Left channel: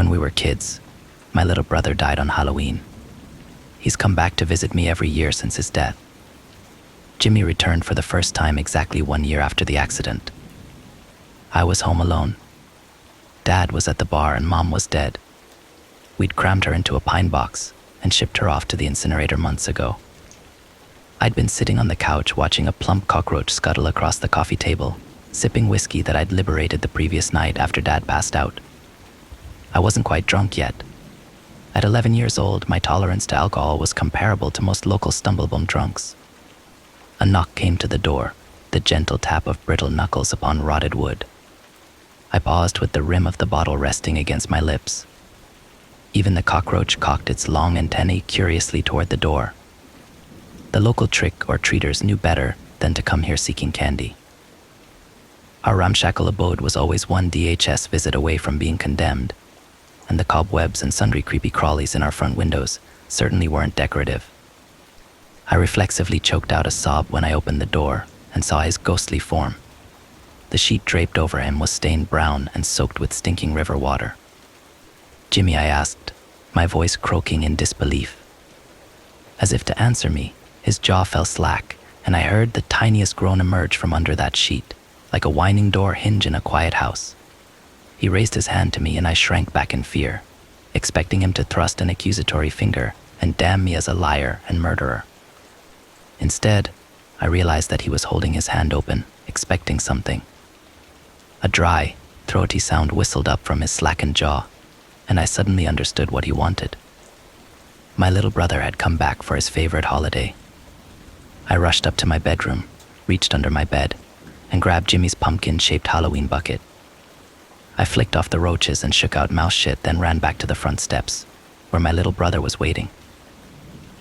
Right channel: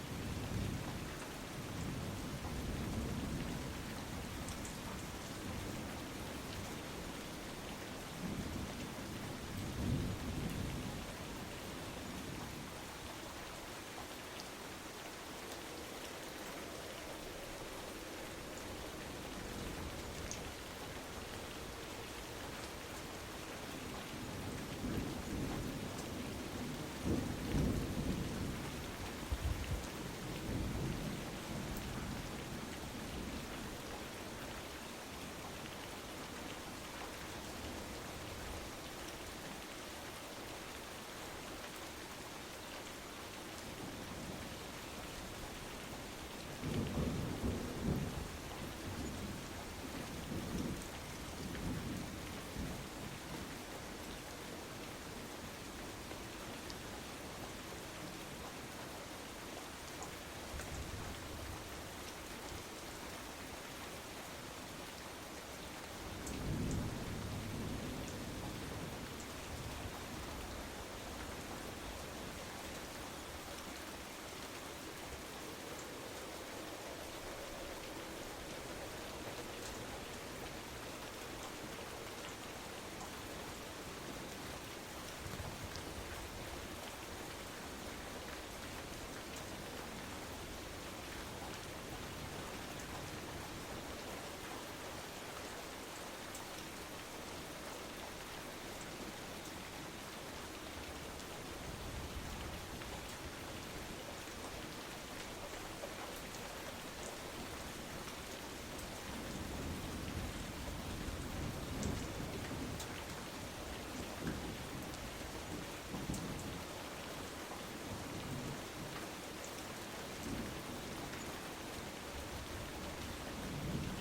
When we were kids, my little brother died on Halloween. He's come back to visit me every year since his death. Jimmy returned for the first time exactly 1 year after the accident. I was home alone. Dad was at the bar and Mom was dead. We'd crammed her into a pine box and shipped her off to the incinerator months ago. I'd been sitting on the couch watching a plump cockroach scuttle across the coffee table, sipping whiskey that I'd liberated the previous night after Dad passed out. I wasn't quite drunk yet. At 11 years old, my tolerance to alcohol was comparable to most local stumblebum drunks. A knock came to the door, the gentle tap of brittle knuckles upon rotted wood. I paused with the rim of the bottle resting against my lips. Even the cockroach cocked its long antennae curiously toward the door. The local trick-or-treaters knew better than to come here seeking candy. Our ramshackle abode was always one DHS visit away from being condemned, and the cobwebs and sundry creepy crawlies in our front windows certainly weren't decorative. I reflexively choked out a sob when I opened the door and saw his ghostly form. The sheet draped over him was stained brown and soaked with stinking river water. "Jimmy," I asked, my voice croaking in disbelief. As if to answer me, his jaw fell slack, and I heard the tiniest groan emerge from under that sheet, like a whining door hinge in a quiet house. He raised his hand to me and I shrank back in fear, expecting him to thrust an accusatory finger and damn me as a liar and murderer. Instead, I realized that he was holding his hand open, expecting something. A dry, throaty sound whistled up from his slackened jaw, and I suddenly understood what he wanted. My little brother had come back for his favorite holiday. I rushed up to my bedroom, reached under my bed, and grabbed Jimmy's pumpkin-shaped Halloween bucket. I flicked off the roaches and shook out mouse shit, then ran back to the front steps, where my little brother was waiting.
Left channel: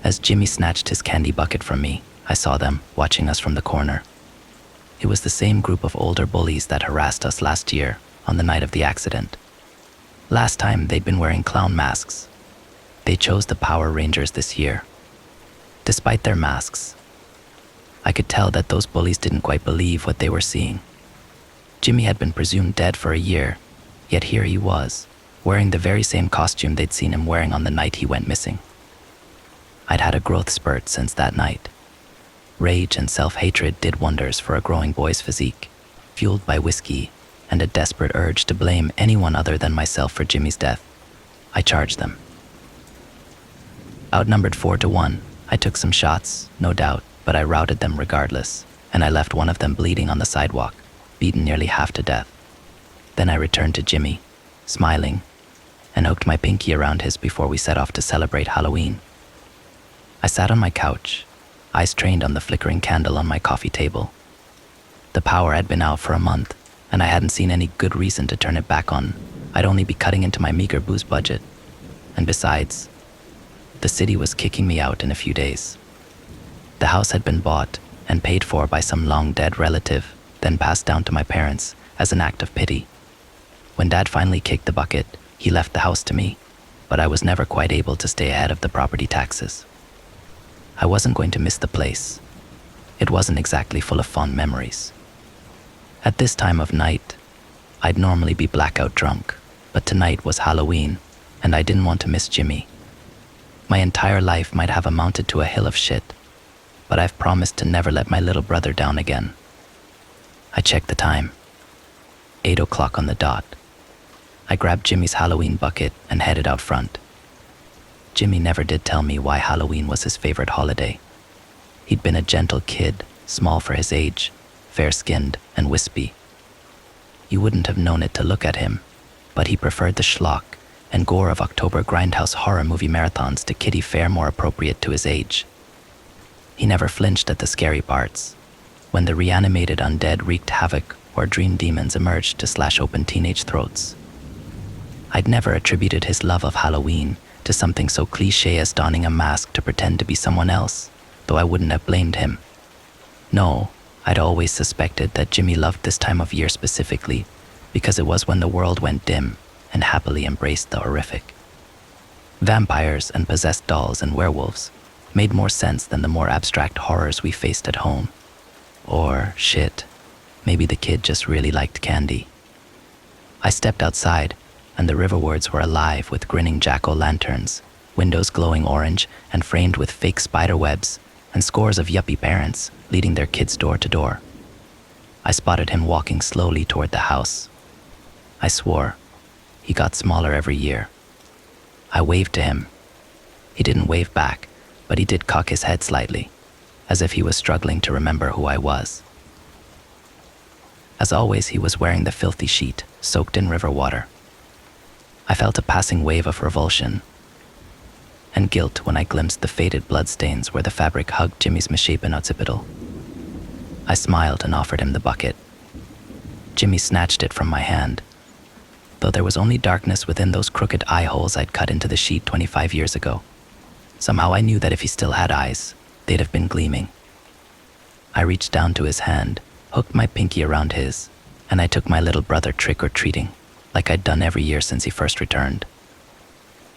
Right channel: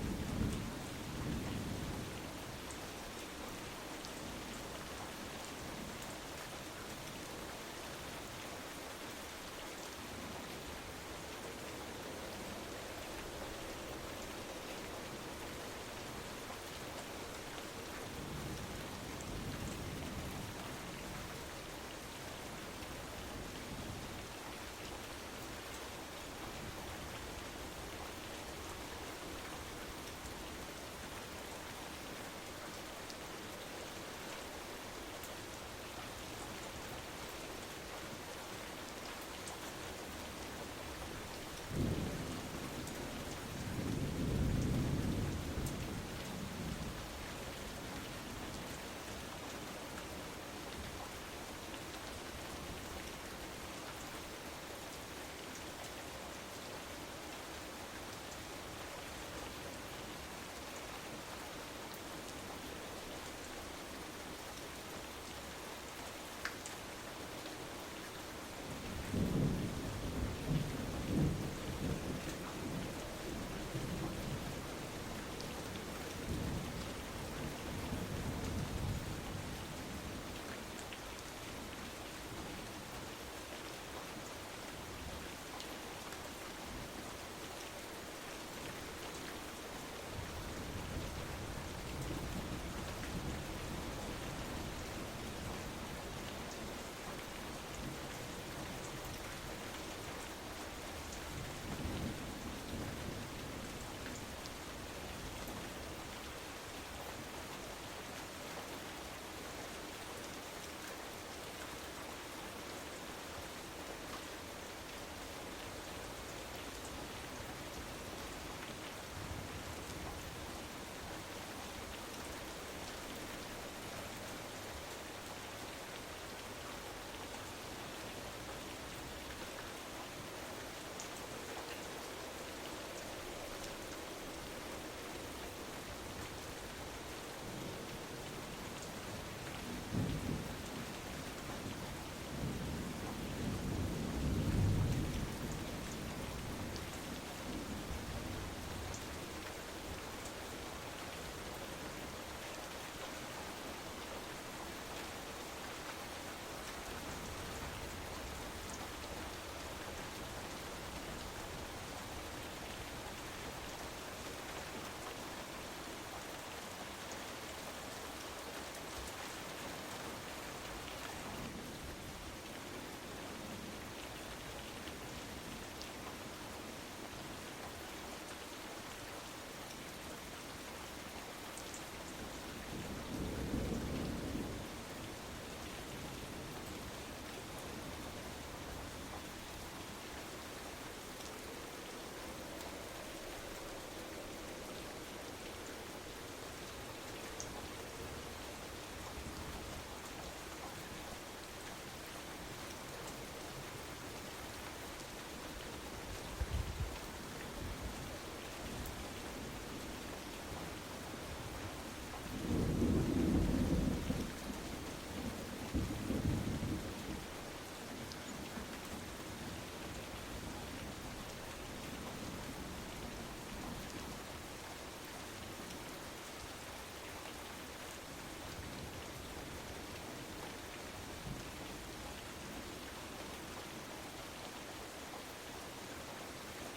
As Jimmy snatched his candy bucket from me, I saw them, watching us from the corner. It was the same group of older bullies that harassed us last year, on the night of the accident. Last time, they'd been wearing clown masks. They chose the Power Rangers this year. Despite their masks, I could tell that those bullies didn't quite believe what they were seeing. Jimmy had been presumed dead for a year, yet here he was, wearing the very same costume they'd seen him wearing on the night he went missing. I'd had a growth spurt since that night. Rage and self-hatred did wonders for a growing boy's physique, fueled by whiskey and a desperate urge to blame anyone other than myself for Jimmy's death. I charged them. Outnumbered 4-1, I took some shots, no doubt, but I routed them regardless, and I left one of them bleeding on the sidewalk, beaten nearly half to death. Then I returned to Jimmy, smiling, and hooked my pinky around his before we set off to celebrate Halloween. I sat on my couch, eyes trained on the flickering candle on my coffee table. The power had been out for a month, and I hadn't seen any good reason to turn it back on. I'd only be cutting into my meager booze budget. And besides, the city was kicking me out in a few days. The house had been bought and paid for by some long-dead relative, then passed down to my parents as an act of pity. When Dad finally kicked the bucket, he left the house to me, but I was never quite able to stay ahead of the property taxes. I wasn't going to miss the place. It wasn't exactly full of fond memories. At this time of night, I'd normally be blackout drunk, but tonight was Halloween, and I didn't want to miss Jimmy. My entire life might have amounted to a hill of shit, but I've promised to never let my little brother down again. I checked the time. 8 o'clock on the dot. I grabbed Jimmy's Halloween bucket and headed out front. Jimmy never did tell me why Halloween was his favorite holiday. He'd been a gentle kid, small for his age, fair-skinned and wispy. You wouldn't have known it to look at him, but he preferred the schlock and gore of October grindhouse horror movie marathons to kiddie fare more appropriate to his age. He never flinched at the scary parts, when the reanimated undead wreaked havoc or dream demons emerged to slash open teenage throats. I'd never attributed his love of Halloween to something so cliché as donning a mask to pretend to be someone else, though I wouldn't have blamed him. No, I'd always suspected that Jimmy loved this time of year specifically because it was when the world went dim and happily embraced the horrific. Vampires and possessed dolls and werewolves made more sense than the more abstract horrors we faced at home. Or, shit, maybe the kid just really liked candy. I stepped outside and the riverwards were alive with grinning jack-o'-lanterns, windows glowing orange and framed with fake spider webs, and scores of yuppie parents leading their kids door to door. I spotted him walking slowly toward the house. I swore. He got smaller every year. I waved to him. He didn't wave back, but he did cock his head slightly, as if he was struggling to remember who I was. As always, he was wearing the filthy sheet, soaked in river water. I felt a passing wave of revulsion and guilt when I glimpsed the faded bloodstains where the fabric hugged Jimmy's misshapen occipital. I smiled and offered him the bucket. Jimmy snatched it from my hand, though there was only darkness within those crooked eye holes I'd cut into the sheet 25 years ago. Somehow I knew that if he still had eyes, they'd have been gleaming. I reached down to his hand, hooked my pinky around his, and I took my little brother trick-or-treating, like I'd done every year since he first returned.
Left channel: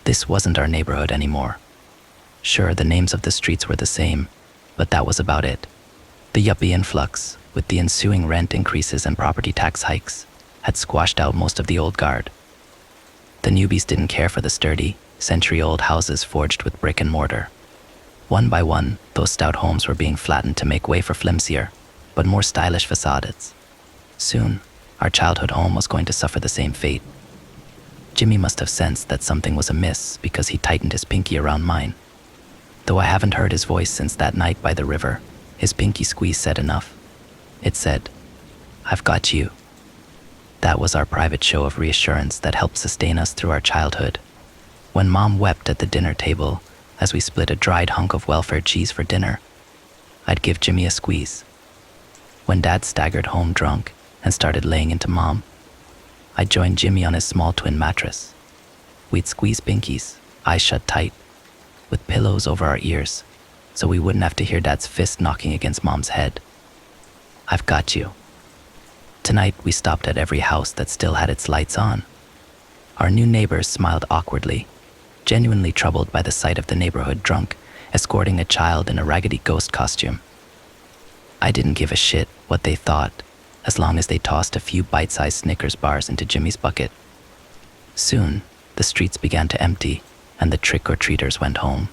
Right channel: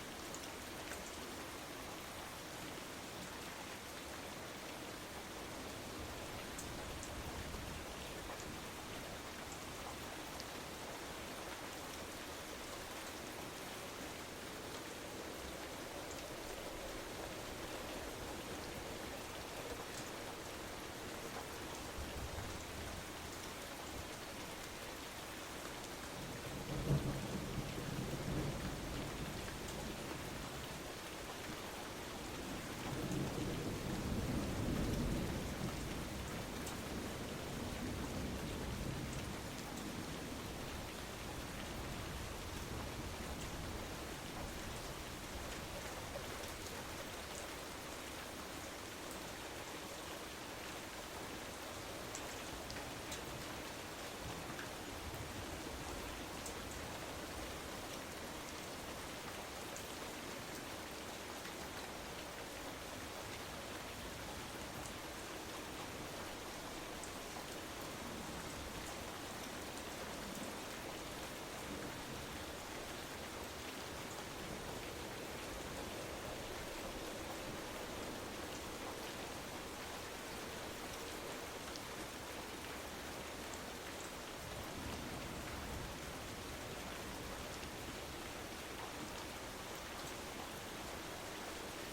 This wasn't our neighborhood anymore. Sure, the names of the streets were the same, but that was about it. The yuppie influx, with the ensuing rent increases and property tax hikes, had squashed out most of the old guard. The newbies didn't care for the sturdy, century-old houses forged with brick and mortar. One by one, those stout homes were being flattened to make way for flimsier, but more stylish facades. Soon, our childhood home was going to suffer the same fate. Jimmy must have sensed that something was amiss because he tightened his pinky around mine. Though I haven't heard his voice since that night by the river, his pinky squeeze said enough. It said, "I've got you." That was our private show of reassurance that helped sustain us through our childhood. When Mom wept at the dinner table as we split a dried hunk of welfare cheese for dinner, I'd give Jimmy a squeeze. When Dad staggered home drunk and started laying into Mom, I'd join Jimmy on his small twin mattress. We'd squeeze pinkies, eyes shut tight, with pillows over our ears, so we wouldn't have to hear Dad's fist knocking against Mom's head. I've got you. Tonight, we stopped at every house that still had its lights on. Our new neighbors smiled awkwardly, genuinely troubled by the sight of the neighborhood drunk, escorting a child in a raggedy ghost costume. I didn't give a shit what they thought, as long as they tossed a few bite-sized Snickers bars into Jimmy's bucket. Soon, the streets began to empty, and the trick-or-treaters went home.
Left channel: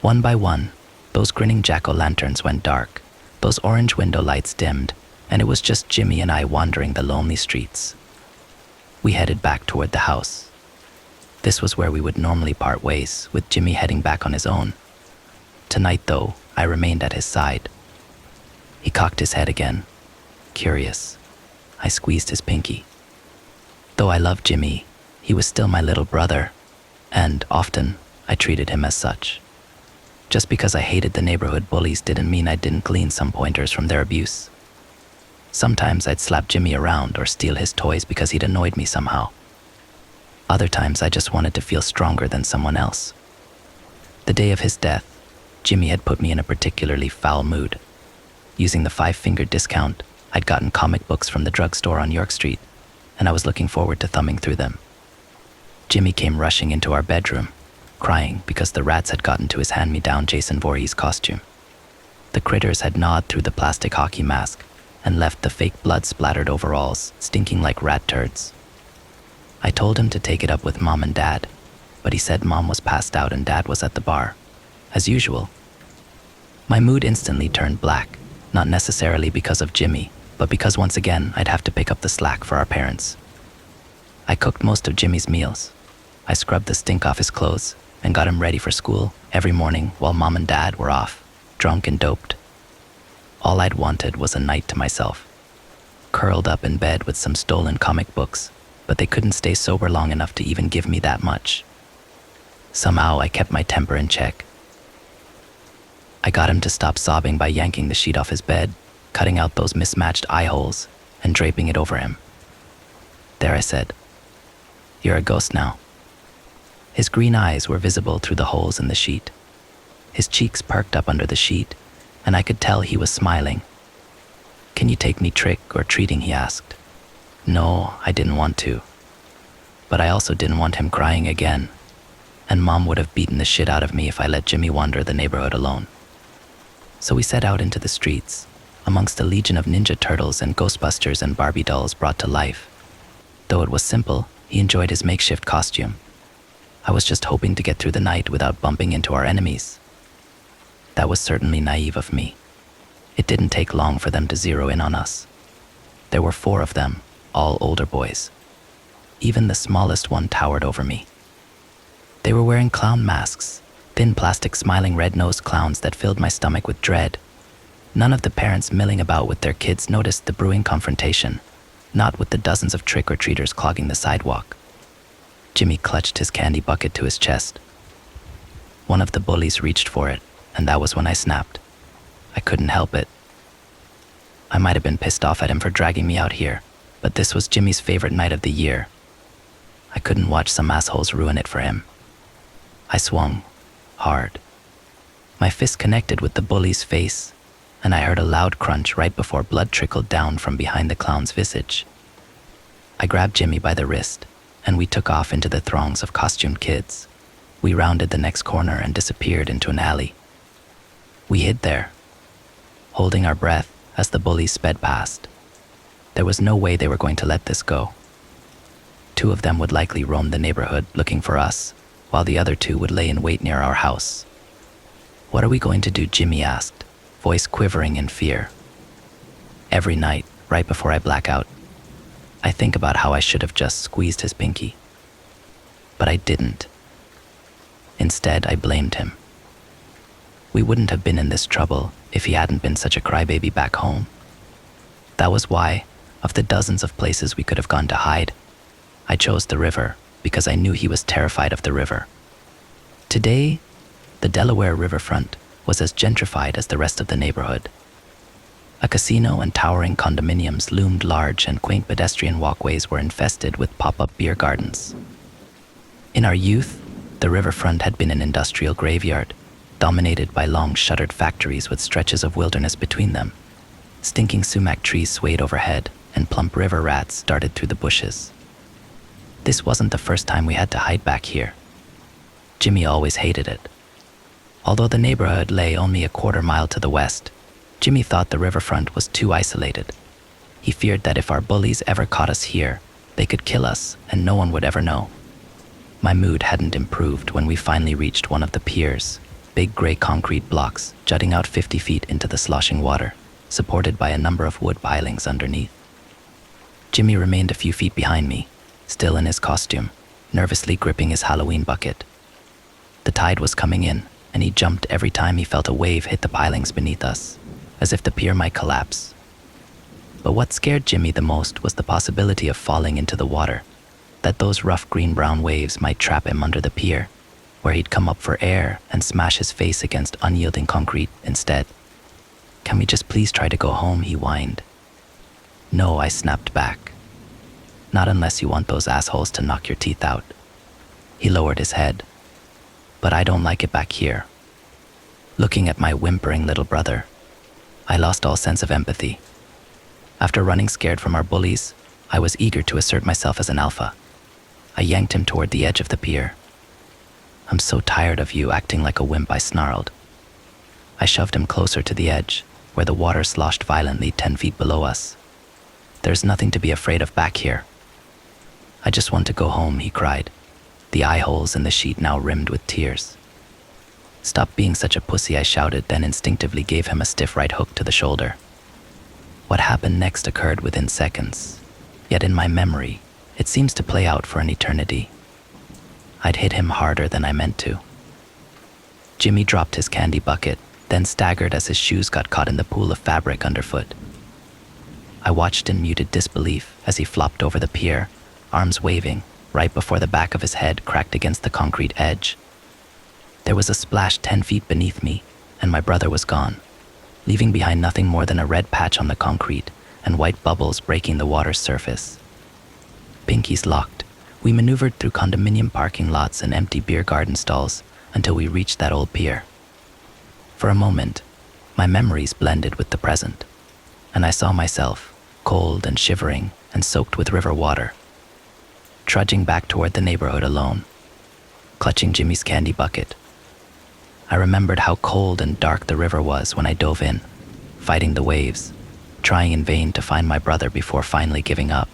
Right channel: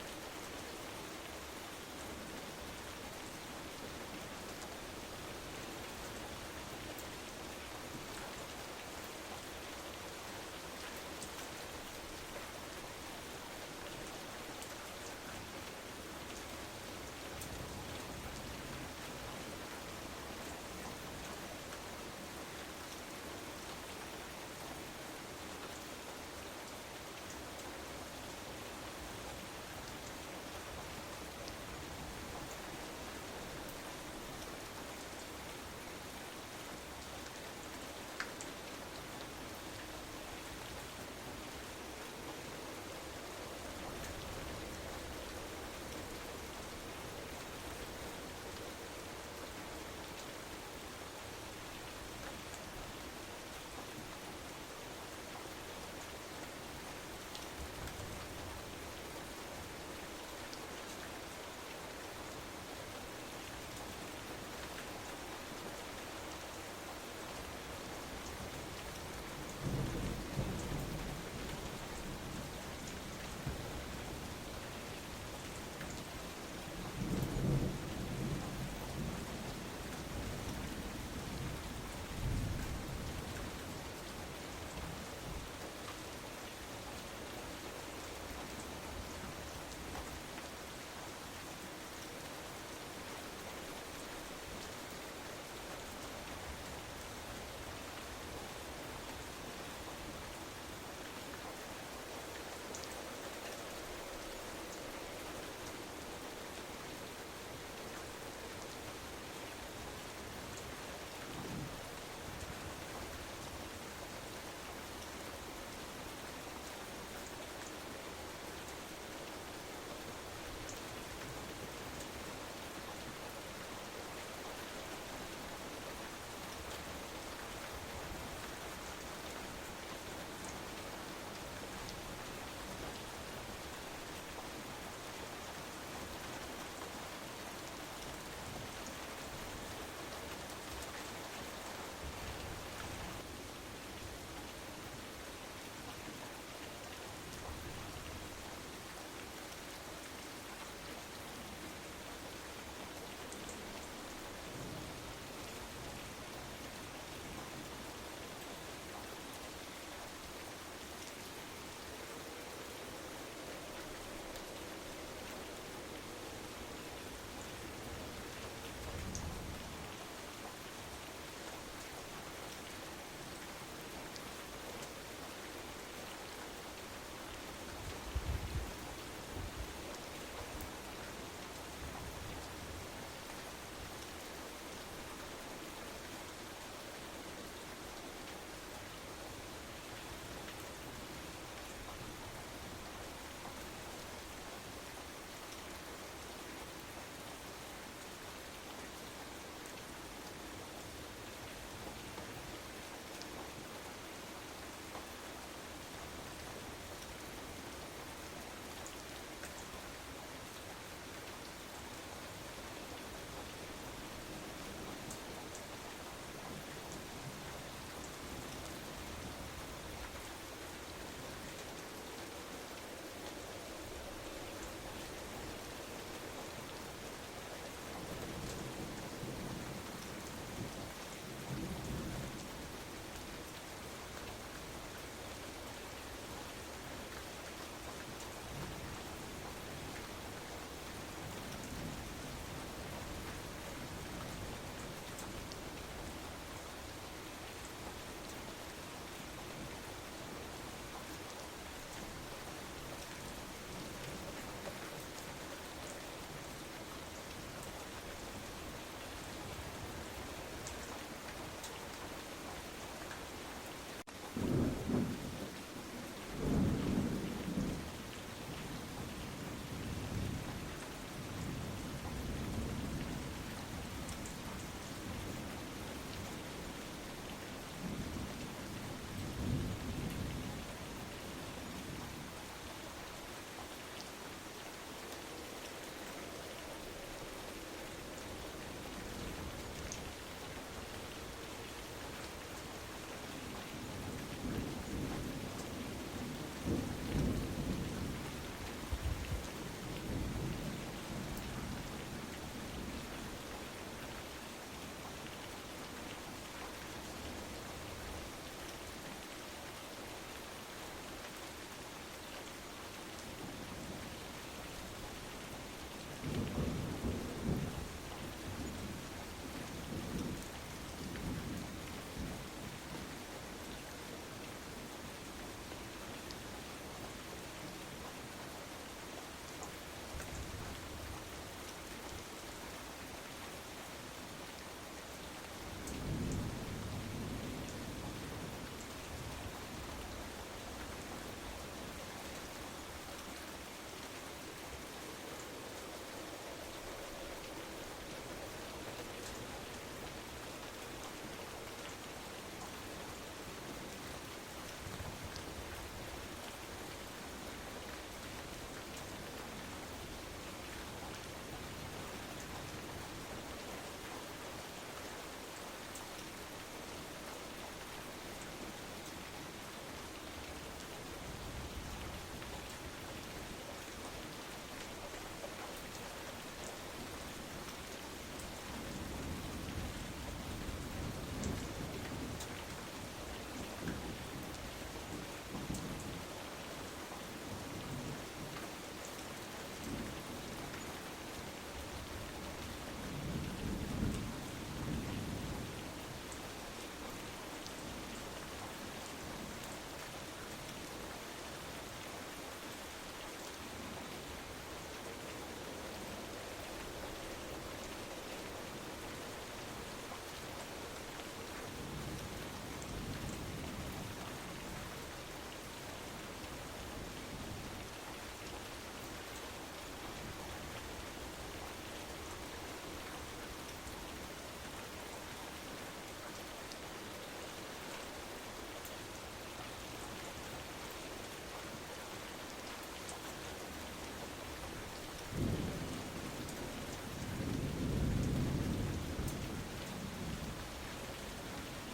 One by one, those grinning jack-o'-lanterns went dark, those orange window lights dimmed, and it was just Jimmy and I wandering the lonely streets. We headed back toward the house. This was where we would normally part ways, with Jimmy heading back on his own. Tonight, though, I remained at his side. He cocked his head again. Curious. I squeezed his pinky. Though I loved Jimmy, he was still my little brother, and often I treated him as such. Just because I hated the neighborhood bullies didn't mean I didn't glean some pointers from their abuse. Sometimes I'd slap Jimmy around or steal his toys because he'd annoyed me somehow. Other times I just wanted to feel stronger than someone else. The day of his death, Jimmy had put me in a particularly foul mood. Using the 5-finger discount, I'd gotten comic books from the drugstore on York Street, and I was looking forward to thumbing through them. Jimmy came rushing into our bedroom, crying because the rats had gotten to his hand-me-down Jason Voorhees costume. The critters had gnawed through the plastic hockey mask and left the fake blood-splattered overalls stinking like rat turds. I told him to take it up with Mom and Dad, but he said Mom was passed out and Dad was at the bar, as usual. My mood instantly turned black, not necessarily because of Jimmy, but because once again I'd have to pick up the slack for our parents. I cooked most of Jimmy's meals. I scrubbed the stink off his clothes and got him ready for school every morning while Mom and Dad were off, drunk and doped. All I'd wanted was a night to myself, curled up in bed with some stolen comic books, but they couldn't stay sober long enough to even give me that much. Somehow I kept my temper in check. I got him to stop sobbing by yanking the sheet off his bed, cutting out those mismatched eye holes, and draping it over him. There, I said, "You're a ghost now." His green eyes were visible through the holes in the sheet. His cheeks perked up under the sheet, and I could tell he was smiling. "Can you take me trick-or-treating?" he asked. No, I didn't want to. But I also didn't want him crying again, and Mom would have beaten the shit out of me if I let Jimmy wander the neighborhood alone. So we set out into the streets, amongst a legion of Ninja Turtles and Ghostbusters and Barbie dolls brought to life. Though it was simple, He enjoyed his makeshift costume. I was just hoping to get through the night without bumping into our enemies. That was certainly naive of me. It didn't take long for them to zero in on us. There were 4 of them, all older boys. Even the smallest one towered over me. They were wearing clown masks, thin plastic smiling red-nosed clowns that filled my stomach with dread. None of the parents milling about with their kids noticed the brewing confrontation, not with the dozens of trick-or-treaters clogging the sidewalk. Jimmy clutched his candy bucket to his chest. One of the bullies reached for it, and that was when I snapped. I couldn't help it. I might have been pissed off at him for dragging me out here, but this was Jimmy's favorite night of the year. I couldn't watch some assholes ruin it for him. I swung, hard. My fist connected with the bully's face, and I heard a loud crunch right before blood trickled down from behind the clown's visage. I grabbed Jimmy by the wrist, and we took off into the throngs of costumed kids. We rounded the next corner and disappeared into an alley. We hid there, holding our breath as the bullies sped past. There was no way they were going to let this go. 2 of them would likely roam the neighborhood looking for us, while the other 2 would lay in wait near our house. "What are we going to do?" Jimmy asked, voice quivering in fear. Every night, right before I black out, I think about how I should have just squeezed his pinky. But I didn't. Instead, I blamed him. We wouldn't have been in this trouble if he hadn't been such a crybaby back home. That was why, of the dozens of places we could have gone to hide, I chose the river because I knew he was terrified of the river. Today, the Delaware riverfront was as gentrified as the rest of the neighborhood. A casino and towering condominiums loomed large, and quaint pedestrian walkways were infested with pop-up beer gardens. In our youth, the riverfront had been an industrial graveyard, dominated by long shuttered factories with stretches of wilderness between them. Stinking sumac trees swayed overhead, and plump river rats darted through the bushes. This wasn't the first time we had to hide back here. Jimmy always hated it. Although the neighborhood lay only a quarter mile to the west, Jimmy thought the riverfront was too isolated. He feared that if our bullies ever caught us here, they could kill us and no one would ever know. My mood hadn't improved when we finally reached one of the piers, big gray concrete blocks jutting out 50 feet into the sloshing water, supported by a number of wood pilings underneath. Jimmy remained a few feet behind me, still in his costume, nervously gripping his Halloween bucket. The tide was coming in, and he jumped every time he felt a wave hit the pilings beneath us, as if the pier might collapse. But what scared Jimmy the most was the possibility of falling into the water, that those rough green-brown waves might trap him under the pier, where he'd come up for air and smash his face against unyielding concrete instead. "Can we just please try to go home?" he whined. "No," I snapped back. "Not unless you want those assholes to knock your teeth out." He lowered his head. "But I don't like it back here." Looking at my whimpering little brother, I lost all sense of empathy. After running scared from our bullies, I was eager to assert myself as an alpha. I yanked him toward the edge of the pier. "I'm so tired of you acting like a wimp," I snarled. I shoved him closer to the edge, where the water sloshed violently 10 feet below us. "There's nothing to be afraid of back here." "I just want to go home," he cried, the eye holes in the sheet now rimmed with tears. "Stop being such a pussy," I shouted, then instinctively gave him a stiff right hook to the shoulder. What happened next occurred within seconds, yet in my memory, it seems to play out for an eternity. I'd hit him harder than I meant to. Jimmy dropped his candy bucket, then staggered as his shoes got caught in the pool of fabric underfoot. I watched in muted disbelief as he flopped over the pier, arms waving, right before the back of his head cracked against the concrete edge. There was a splash 10 feet beneath me, and my brother was gone, leaving behind nothing more than a red patch on the concrete and white bubbles breaking the water's surface. Pinkies locked, we maneuvered through condominium parking lots and empty beer garden stalls until we reached that old pier. For a moment, my memories blended with the present, and I saw myself, cold and shivering and soaked with river water, trudging back toward the neighborhood alone, clutching Jimmy's candy bucket. I remembered how cold and dark the river was when I dove in, fighting the waves, trying in vain to find my brother before finally giving up.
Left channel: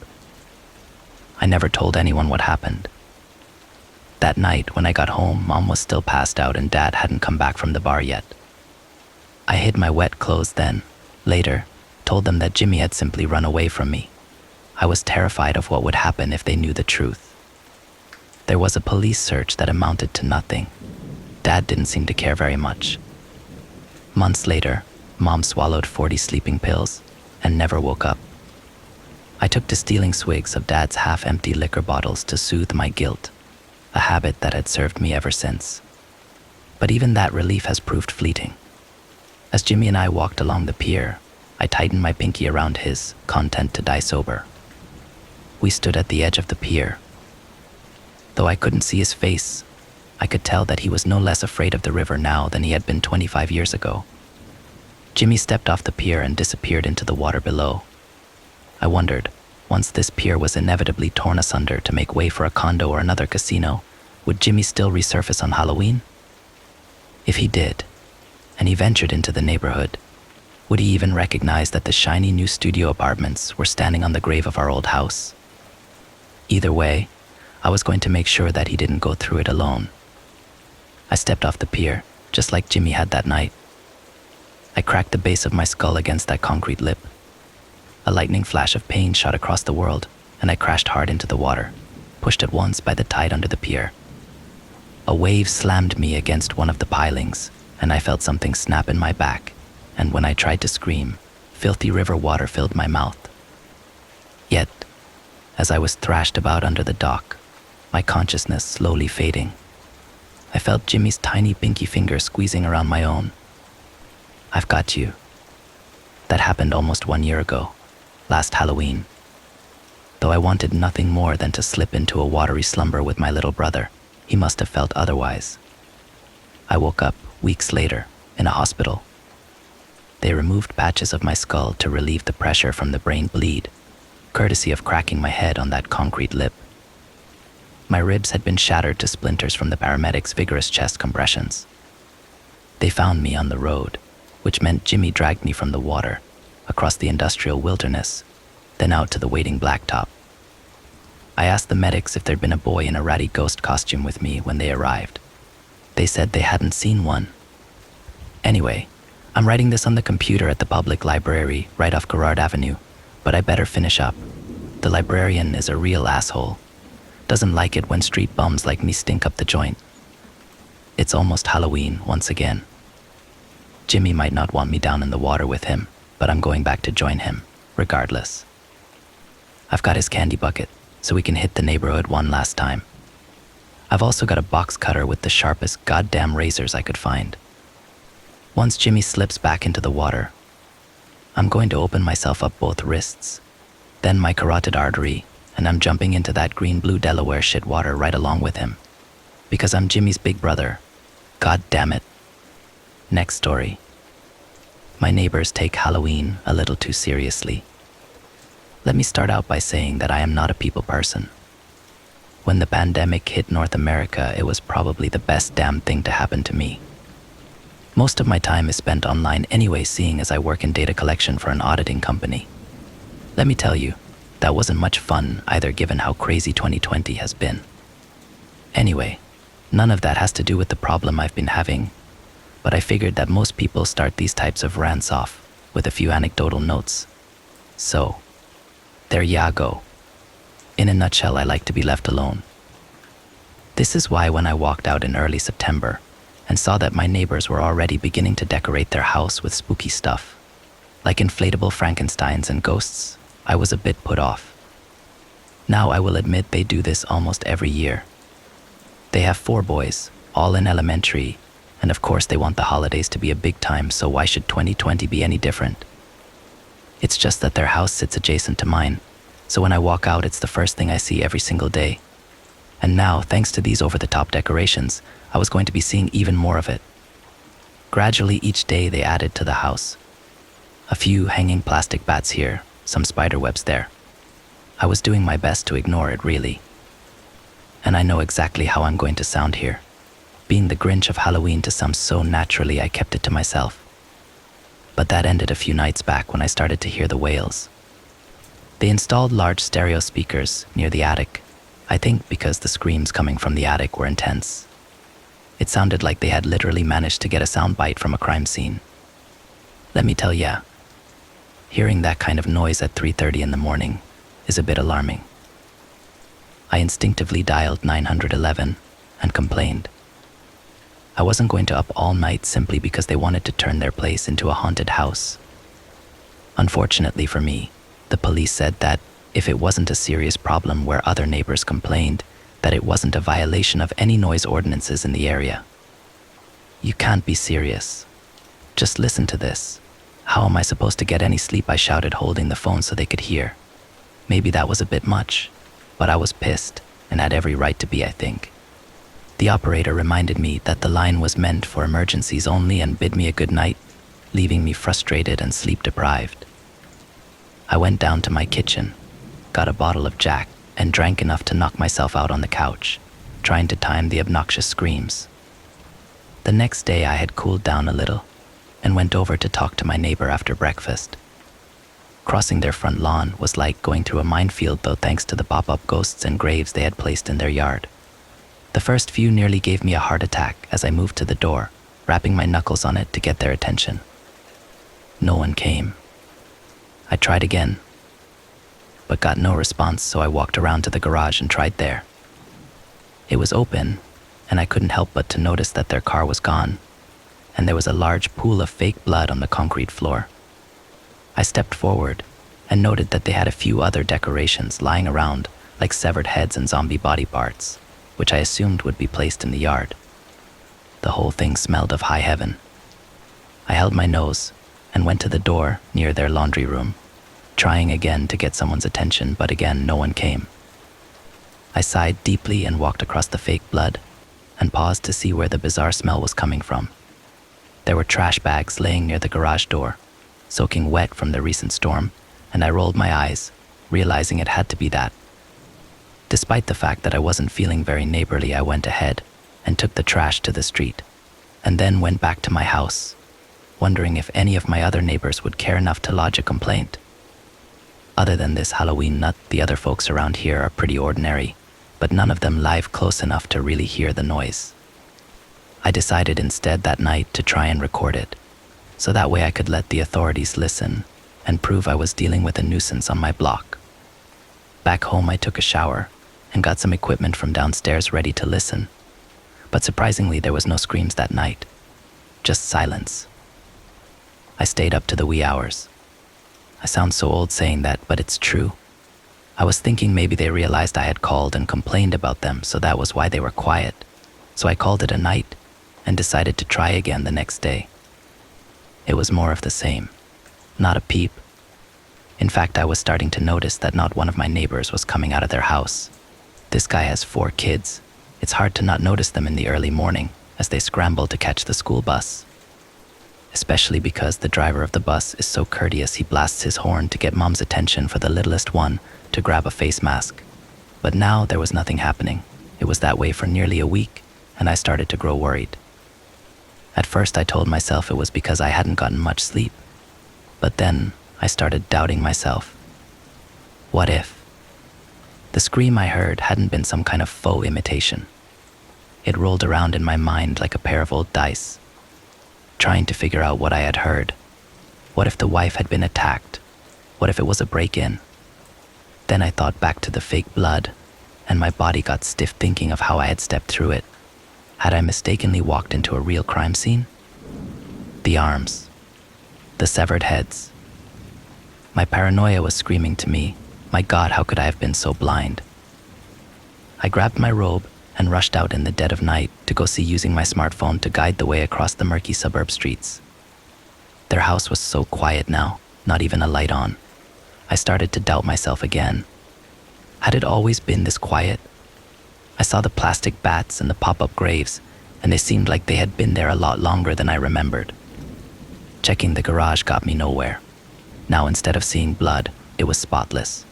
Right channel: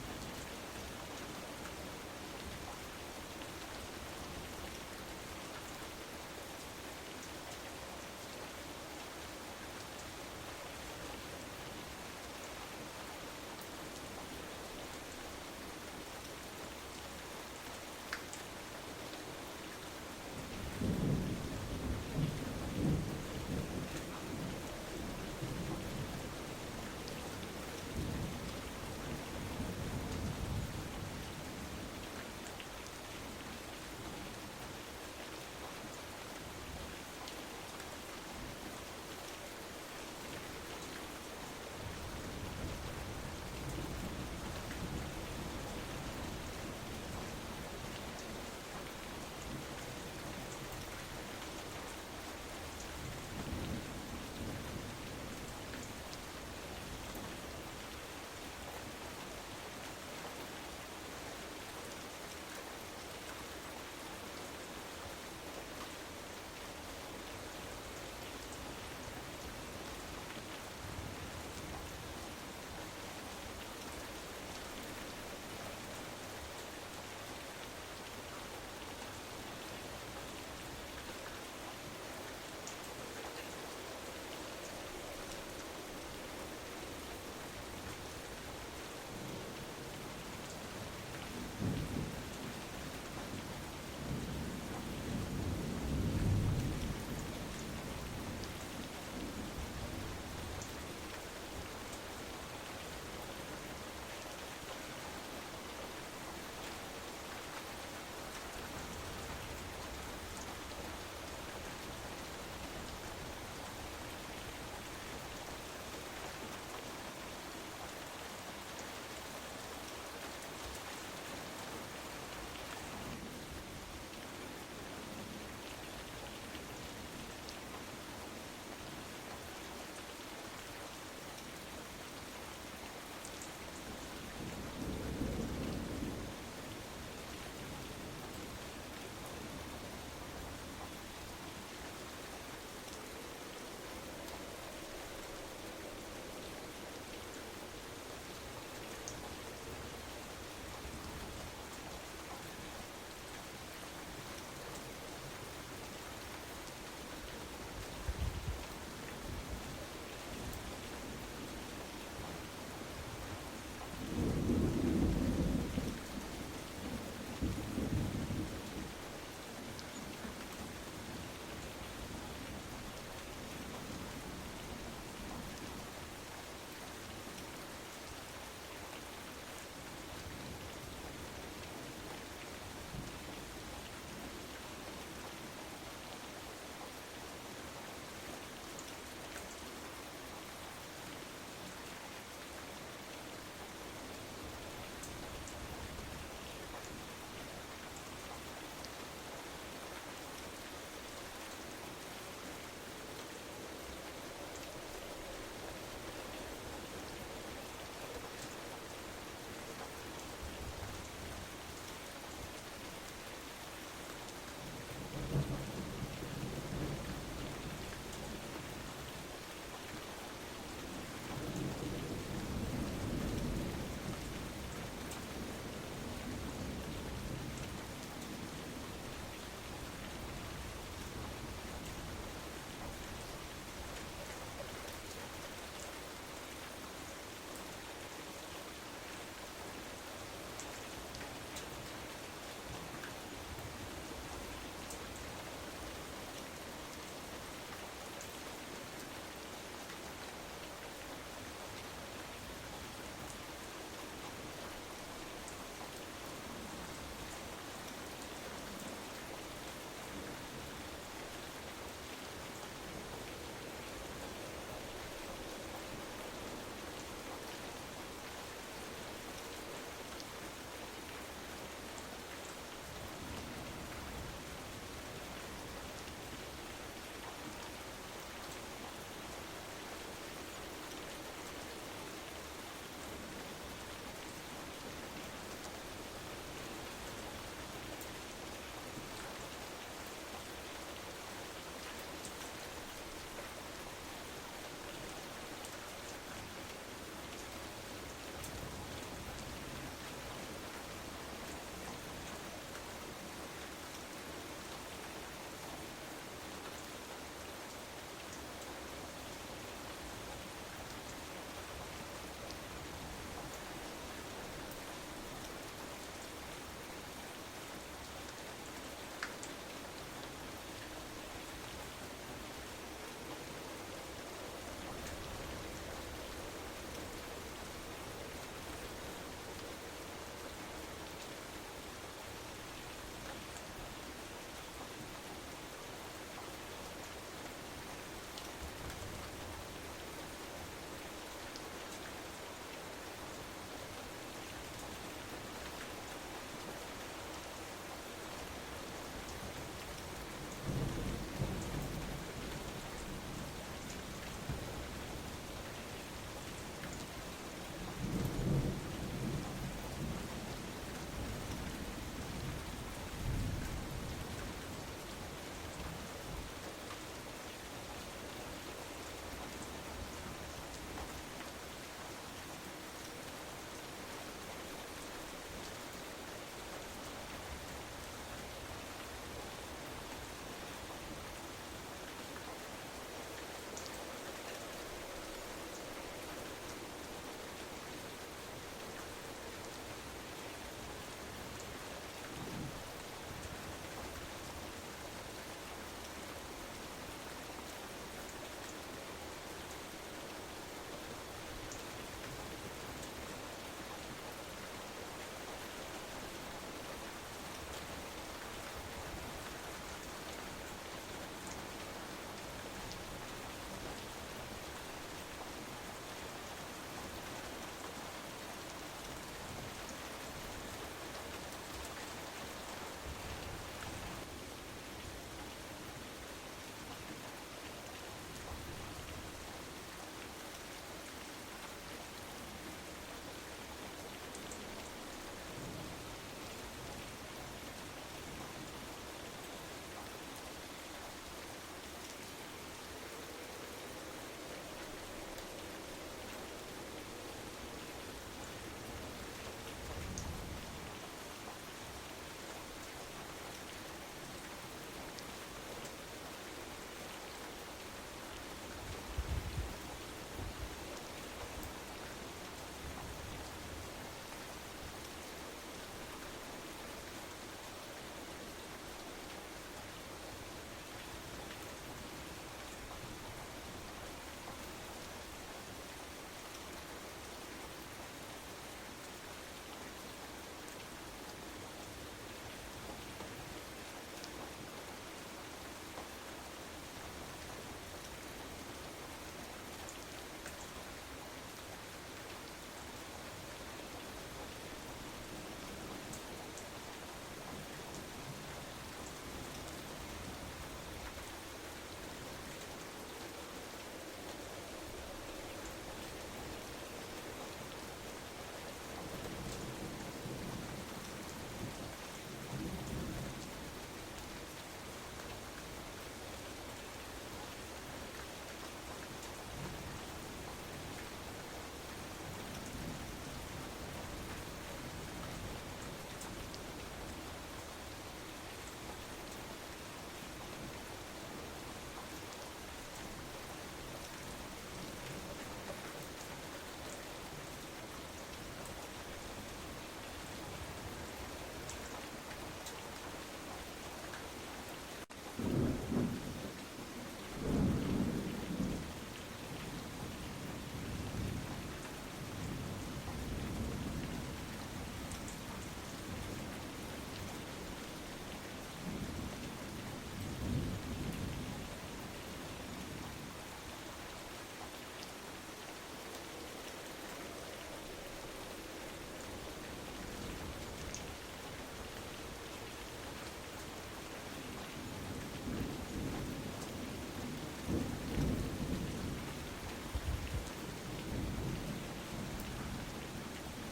I never told anyone what happened. That night, when I got home, Mom was still passed out and Dad hadn't come back from the bar yet. I hid my wet clothes then. Later, told them that Jimmy had simply run away from me. I was terrified of what would happen if they knew the truth. There was a police search that amounted to nothing. Dad didn't seem to care very much. Months later, Mom swallowed 40 sleeping pills and never woke up. I took to stealing swigs of Dad's half-empty liquor bottles to soothe my guilt, a habit that had served me ever since. But even that relief has proved fleeting. As Jimmy and I walked along the pier, I tightened my pinky around his, content to die sober. We stood at the edge of the pier. Though I couldn't see his face, I could tell that he was no less afraid of the river now than he had been 25 years ago. Jimmy stepped off the pier and disappeared into the water below. I wondered, once this pier was inevitably torn asunder to make way for a condo or another casino, would Jimmy still resurface on Halloween? If he did, and he ventured into the neighborhood, would he even recognize that the shiny new studio apartments were standing on the grave of our old house? Either way, I was going to make sure that he didn't go through it alone. I stepped off the pier, just like Jimmy had that night. I cracked the base of my skull against that concrete lip. A lightning flash of pain shot across the world, and I crashed hard into the water, pushed at once by the tide under the pier. A wave slammed me against one of the pilings, and I felt something snap in my back, and when I tried to scream, filthy river water filled my mouth. Yet, as I was thrashed about under the dock, my consciousness slowly fading, I felt Jimmy's tiny pinky finger squeezing around my own. "I've got you." That happened almost 1 year ago, last Halloween. Though I wanted nothing more than to slip into a watery slumber with my little brother, he must have felt otherwise. I woke up weeks later in a hospital. They removed patches of my skull to relieve the pressure from the brain bleed, courtesy of cracking my head on that concrete lip. My ribs had been shattered to splinters from the paramedics' vigorous chest compressions. They found me on the road, which meant Jimmy dragged me from the water, across the industrial wilderness, then out to the waiting blacktop. I asked the medics if there'd been a boy in a ratty ghost costume with me when they arrived. They said they hadn't seen one. Anyway, I'm writing this on the computer at the public library right off Garrard Avenue, but I better finish up. The librarian is a real asshole. Doesn't like it when street bums like me stink up the joint. It's almost Halloween once again. Jimmy might not want me down in the water with him, but I'm going back to join him, regardless. I've got his candy bucket, so we can hit the neighborhood one last time. I've also got a box cutter with the sharpest goddamn razors I could find. Once Jimmy slips back into the water, I'm going to open myself up both wrists, then my carotid artery, and I'm jumping into that green-blue Delaware shit water right along with him. Because I'm Jimmy's big brother. God damn it. Next story. My neighbors take Halloween a little too seriously. Let me start out by saying that I am not a people person. When the pandemic hit North America, it was probably the best damn thing to happen to me. Most of my time is spent online anyway, seeing as I work in data collection for an auditing company. Let me tell you, that wasn't much fun either, given how crazy 2020 has been. Anyway, none of that has to do with the problem I've been having, but I figured that most people start these types of rants off with a few anecdotal notes. So, there ya go. In a nutshell, I like to be left alone. This is why when I walked out in early September and saw that my neighbors were already beginning to decorate their house with spooky stuff, like inflatable Frankensteins and ghosts, I was a bit put off. Now I will admit they do this almost every year. They have 4 boys, all in elementary, and of course they want the holidays to be a big time, so why should 2020 be any different? It's just that their house sits adjacent to mine, so when I walk out it's the first thing I see every single day. And now, thanks to these over-the-top decorations, I was going to be seeing even more of it. Gradually each day they added to the house. A few hanging plastic bats here, some spider webs there. I was doing my best to ignore it, really. And I know exactly how I'm going to sound here. Being the Grinch of Halloween to some so naturally I kept it to myself. But that ended a few nights back when I started to hear the wails. They installed large stereo speakers near the attic, I think because the screams coming from the attic were intense. It sounded like they had literally managed to get a soundbite from a crime scene. Let me tell ya, hearing that kind of noise at 3:30 in the morning is a bit alarming. I instinctively dialed 911 and complained. I wasn't going to up all night simply because they wanted to turn their place into a haunted house. Unfortunately for me, the police said that if it wasn't a serious problem where other neighbors complained, that it wasn't a violation of any noise ordinances in the area. You can't be serious. Just listen to this. How am I supposed to get any sleep? I shouted, holding the phone so they could hear. Maybe that was a bit much, but I was pissed and had every right to be, I think. The operator reminded me that the line was meant for emergencies only and bid me a good night, leaving me frustrated and sleep deprived. I went down to my kitchen, got a bottle of Jack, and drank enough to knock myself out on the couch, trying to time the obnoxious screams. The next day I had cooled down a little and went over to talk to my neighbor after breakfast. Crossing their front lawn was like going through a minefield, though, thanks to the pop-up ghosts and graves they had placed in their yard. The first few nearly gave me a heart attack as I moved to the door, rapping my knuckles on it to get their attention. No one came. I tried again, but got no response, so I walked around to the garage and tried there. It was open, and I couldn't help but to notice that their car was gone, and there was a large pool of fake blood on the concrete floor. I stepped forward and noted that they had a few other decorations lying around, like severed heads and zombie body parts, which I assumed would be placed in the yard. The whole thing smelled of high heaven. I held my nose and went to the door near their laundry room, trying again to get someone's attention, but again no one came. I sighed deeply and walked across the fake blood and paused to see where the bizarre smell was coming from. There were trash bags laying near the garage door, soaking wet from the recent storm, and I rolled my eyes, realizing it had to be that. Despite the fact that I wasn't feeling very neighborly, I went ahead and took the trash to the street, and then went back to my house, wondering if any of my other neighbors would care enough to lodge a complaint. Other than this Halloween nut, the other folks around here are pretty ordinary, but none of them live close enough to really hear the noise. I decided instead that night to try and record it, so that way I could let the authorities listen and prove I was dealing with a nuisance on my block. Back home, I took a shower and got some equipment from downstairs ready to listen, but surprisingly there was no screams that night, just silence. I stayed up to the wee hours. I sound so old saying that, but it's true. I was thinking maybe they realized I had called and complained about them, so that was why they were quiet. So I called it a night and decided to try again the next day. It was more of the same. Not a peep. In fact, I was starting to notice that not one of my neighbors was coming out of their house. This guy has 4 kids. It's hard to not notice them in the early morning as they scramble to catch the school bus. Especially because the driver of the bus is so courteous, he blasts his horn to get mom's attention for the littlest one to grab a face mask. But now there was nothing happening. It was that way for nearly a week, and I started to grow worried. At first I told myself it was because I hadn't gotten much sleep, but then I started doubting myself. What if the scream I heard hadn't been some kind of faux imitation? It rolled around in my mind like a pair of old dice, trying to figure out what I had heard. What if the wife had been attacked? What if it was a break-in? Then I thought back to the fake blood, and my body got stiff thinking of how I had stepped through it. Had I mistakenly walked into a real crime scene? The arms, the severed heads. My paranoia was screaming to me, my God, how could I have been so blind? I grabbed my robe and rushed out in the dead of night to go see, using my smartphone to guide the way across the murky suburb streets. Their house was so quiet now, not even a light on. I started to doubt myself again. Had it always been this quiet? I saw the plastic bats and the pop-up graves, and they seemed like they had been there a lot longer than I remembered. Checking the garage got me nowhere. Now instead of seeing blood, it was spotless,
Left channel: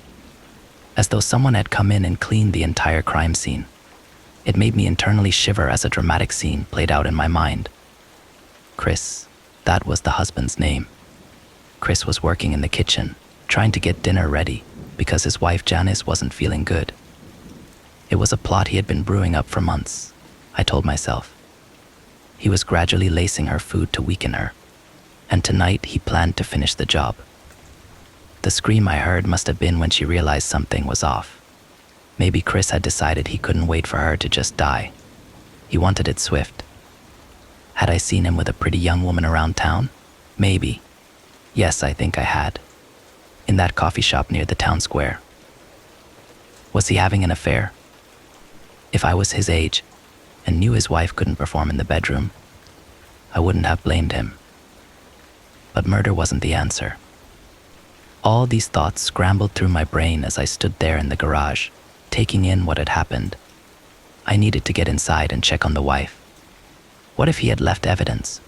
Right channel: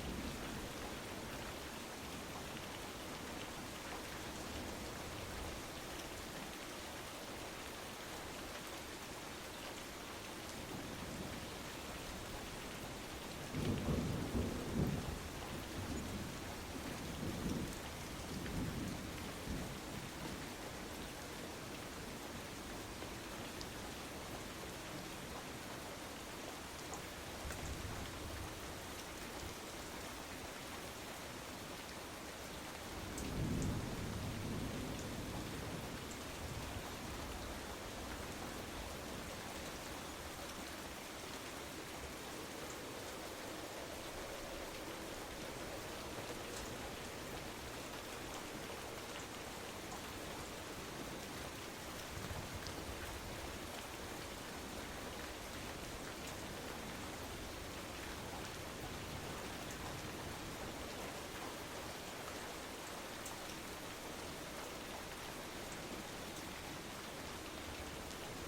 as though someone had come in and cleaned the entire crime scene. It made me internally shiver as a dramatic scene played out in my mind. Chris, that was the husband's name. Chris was working in the kitchen, trying to get dinner ready because his wife Janice wasn't feeling good. It was a plot he had been brewing up for months, I told myself. He was gradually lacing her food to weaken her, and tonight he planned to finish the job. The scream I heard must have been when she realized something was off. Maybe Chris had decided he couldn't wait for her to just die. He wanted it swift. Had I seen him with a pretty young woman around town? Maybe. Yes, I think I had. In that coffee shop near the town square. Was he having an affair? If I was his age and knew his wife couldn't perform in the bedroom, I wouldn't have blamed him. But murder wasn't the answer. All these thoughts scrambled through my brain as I stood there in the garage, taking in what had happened. I needed to get inside and check on the wife. What if he had left evidence?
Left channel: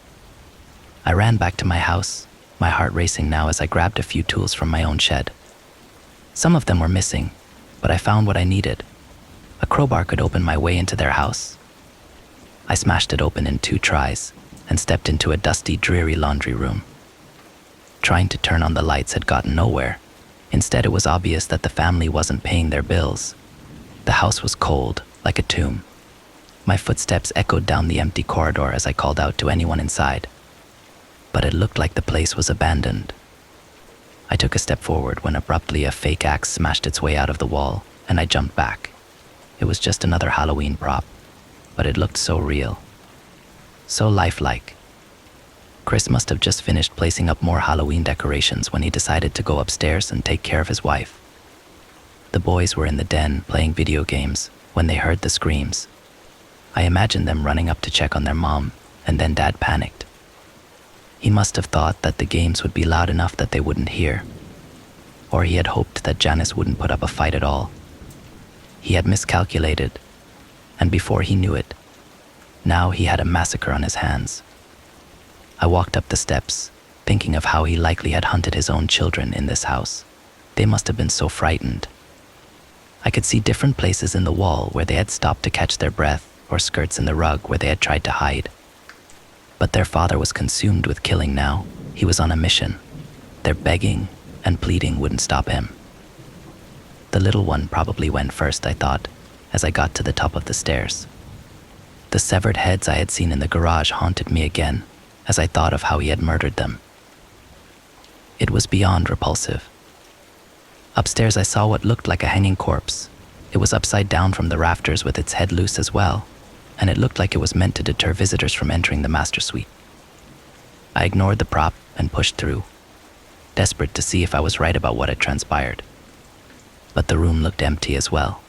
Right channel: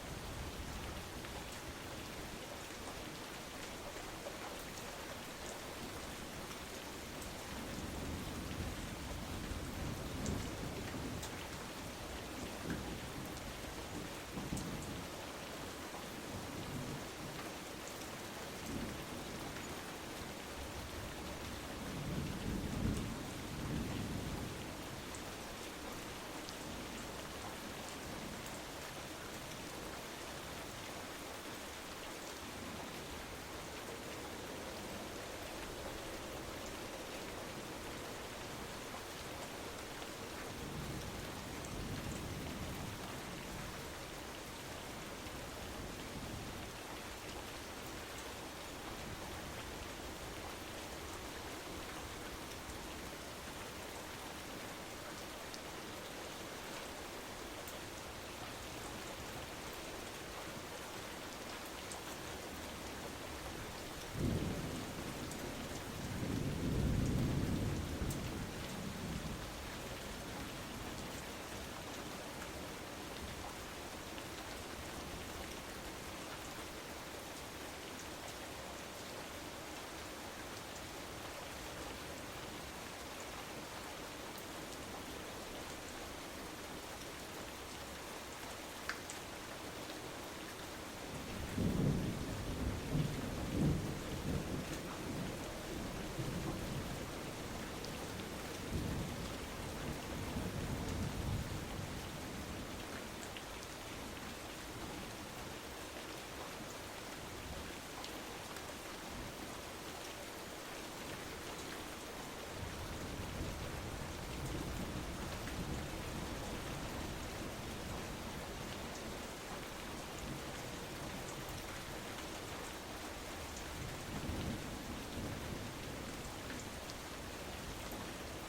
I ran back to my house, my heart racing now as I grabbed a few tools from my own shed. Some of them were missing, but I found what I needed. A crowbar could open my way into their house. I smashed it open in 2 tries and stepped into a dusty, dreary laundry room. Trying to turn on the lights had gotten nowhere. Instead, it was obvious that the family wasn't paying their bills. The house was cold, like a tomb. My footsteps echoed down the empty corridor as I called out to anyone inside. But it looked like the place was abandoned. I took a step forward when abruptly a fake axe smashed its way out of the wall, and I jumped back. It was just another Halloween prop, but it looked so real, so lifelike. Chris must have just finished placing up more Halloween decorations when he decided to go upstairs and take care of his wife. The boys were in the den playing video games when they heard the screams. I imagined them running up to check on their mom, and then Dad panicked. He must have thought that the games would be loud enough that they wouldn't hear, or he had hoped that Janice wouldn't put up a fight at all. He had miscalculated, and before he knew it, now he had a massacre on his hands. I walked up the steps, thinking of how he likely had hunted his own children in this house. They must have been so frightened. I could see different places in the wall where they had stopped to catch their breath, or skirts in the rug where they had tried to hide. But their father was consumed with killing now. He was on a mission. Their begging and pleading wouldn't stop him. The little one probably went first, I thought, as I got to the top of the stairs. The severed heads I had seen in the garage haunted me again, as I thought of how he had murdered them. It was beyond repulsive. Upstairs I saw what looked like a hanging corpse. It was upside down from the rafters with its head loose as well, and it looked like it was meant to deter visitors from entering the master suite. I ignored the prop and pushed through, desperate to see if I was right about what had transpired. But the room looked empty as well.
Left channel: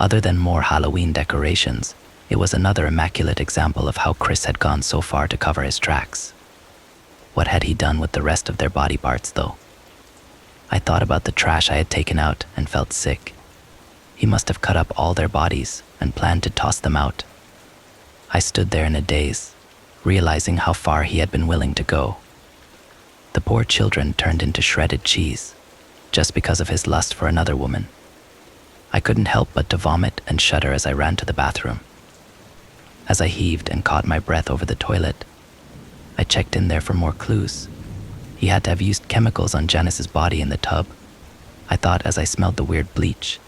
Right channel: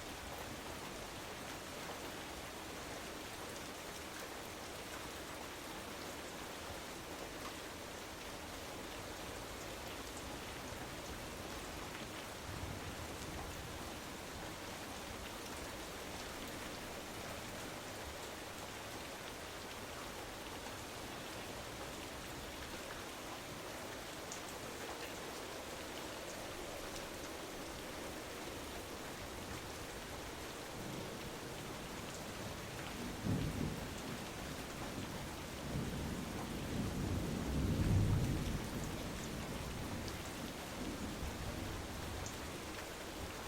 Other than more Halloween decorations, it was another immaculate example of how Chris had gone so far to cover his tracks. What had he done with the rest of their body parts, though? I thought about the trash I had taken out and felt sick. He must have cut up all their bodies and planned to toss them out. I stood there in a daze, realizing how far he had been willing to go. The poor children turned into shredded cheese, just because of his lust for another woman. I couldn't help but to vomit and shudder as I ran to the bathroom. As I heaved and caught my breath over the toilet, I checked in there for more clues. He had to have used chemicals on Janice's body in the tub, I thought as I smelled the weird bleach.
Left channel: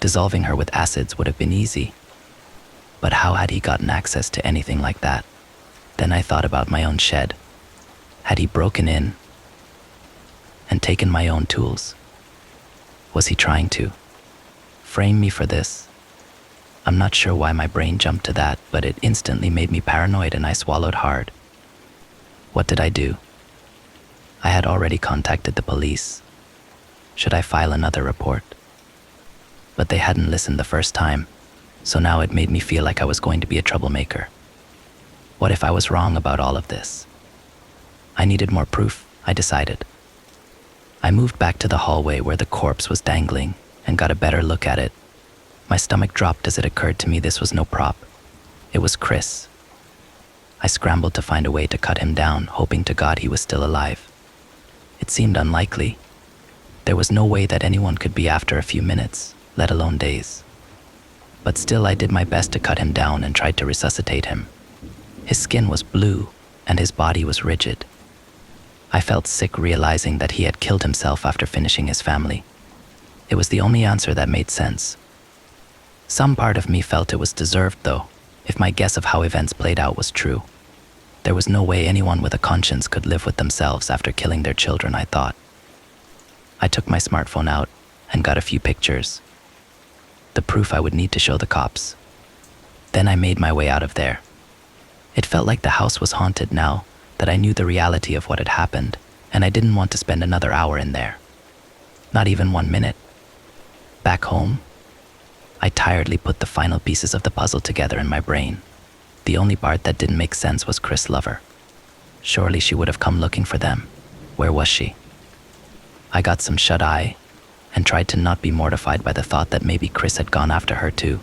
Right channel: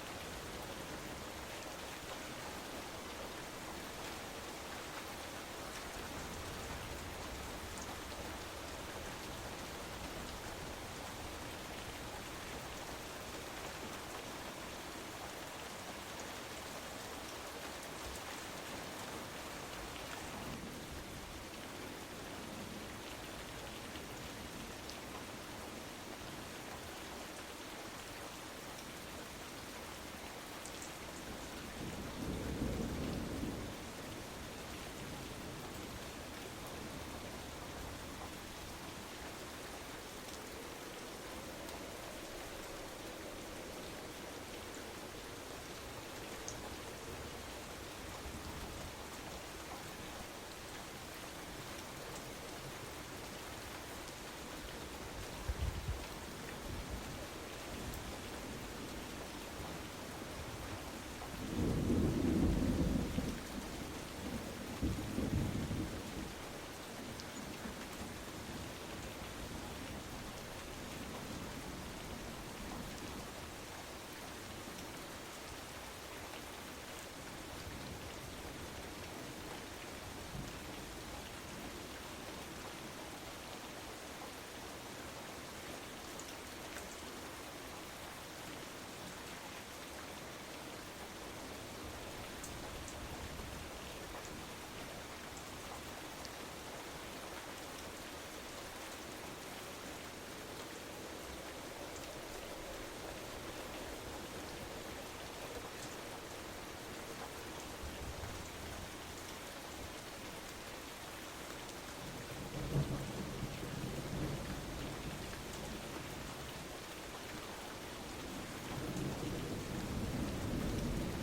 Dissolving her with acids would have been easy. But how had he gotten access to anything like that? Then I thought about my own shed. Had he broken in and taken my own tools? Was he trying to frame me for this? I'm not sure why my brain jumped to that, but it instantly made me paranoid and I swallowed hard. What did I do? I had already contacted the police. Should I file another report? But they hadn't listened the first time, so now it made me feel like I was going to be a troublemaker. What if I was wrong about all of this? I needed more proof, I decided. I moved back to the hallway where the corpse was dangling and got a better look at it. My stomach dropped as it occurred to me this was no prop. It was Chris. I scrambled to find a way to cut him down, hoping to God he was still alive. It seemed unlikely. There was no way that anyone could be after a few minutes, let alone days. But still I did my best to cut him down and tried to resuscitate him. His skin was blue and his body was rigid. I felt sick realizing that he had killed himself after finishing his family. It was the only answer that made sense. Some part of me felt it was deserved, though, if my guess of how events played out was true. There was no way anyone with a conscience could live with themselves after killing their children, I thought. I took my smartphone out and got a few pictures. The proof I would need to show the cops. Then I made my way out of there. It felt like the house was haunted now that I knew the reality of what had happened, and I didn't want to spend another hour in there. Not even 1 minute. Back home, I tiredly put the final pieces of the puzzle together in my brain. The only part that didn't make sense was Chris' lover. Surely she would have come looking for them. Where was she? I got some shut-eye and tried to not be mortified by the thought that maybe Chris had gone after her too.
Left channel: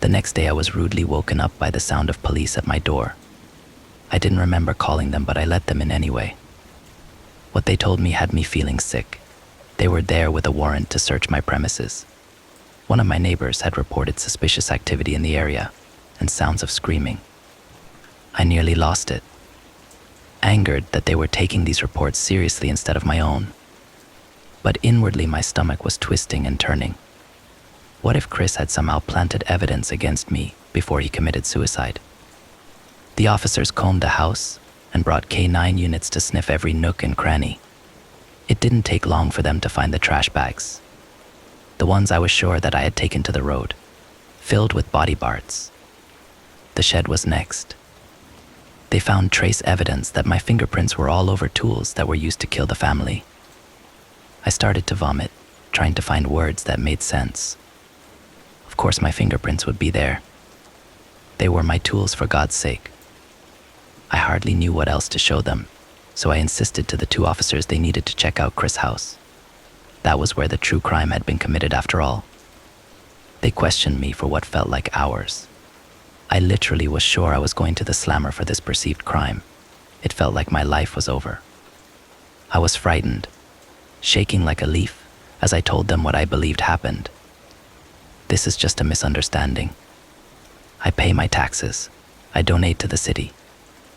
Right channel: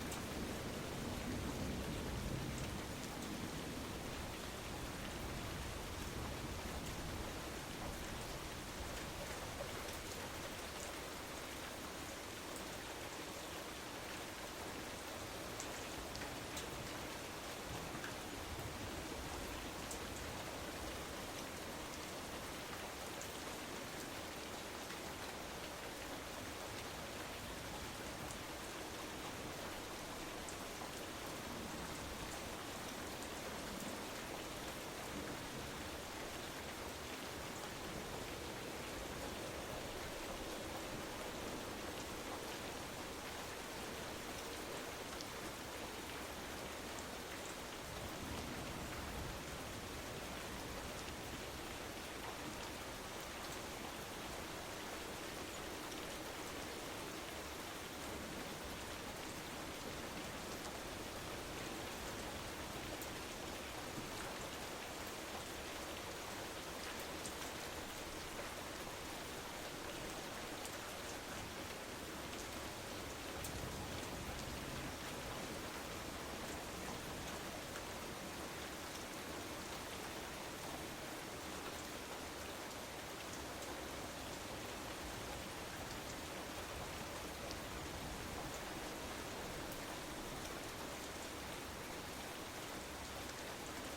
The next day I was rudely woken up by the sound of police at my door. I didn't remember calling them, but I let them in anyway. What they told me had me feeling sick. They were there with a warrant to search my premises. One of my neighbors had reported suspicious activity in the area and sounds of screaming. I nearly lost it, angered that they were taking these reports seriously instead of my own. But inwardly my stomach was twisting and turning. What if Chris had somehow planted evidence against me before he committed suicide? The officers combed the house and brought K9 units to sniff every nook and cranny. It didn't take long for them to find the trash bags, the ones I was sure that I had taken to the road, filled with body parts. The shed was next. They found trace evidence that my fingerprints were all over tools that were used to kill the family. I started to vomit, trying to find words that made sense. Of course my fingerprints would be there. They were my tools, for God's sake. I hardly knew what else to show them, so I insisted to the 2 officers they needed to check out Chris' house. That was where the true crime had been committed after all. They questioned me for what felt like hours. I literally was sure I was going to the slammer for this perceived crime. It felt like my life was over. I was frightened, shaking like a leaf as I told them what I believed happened. This is just a misunderstanding. I pay my taxes. I donate to the city.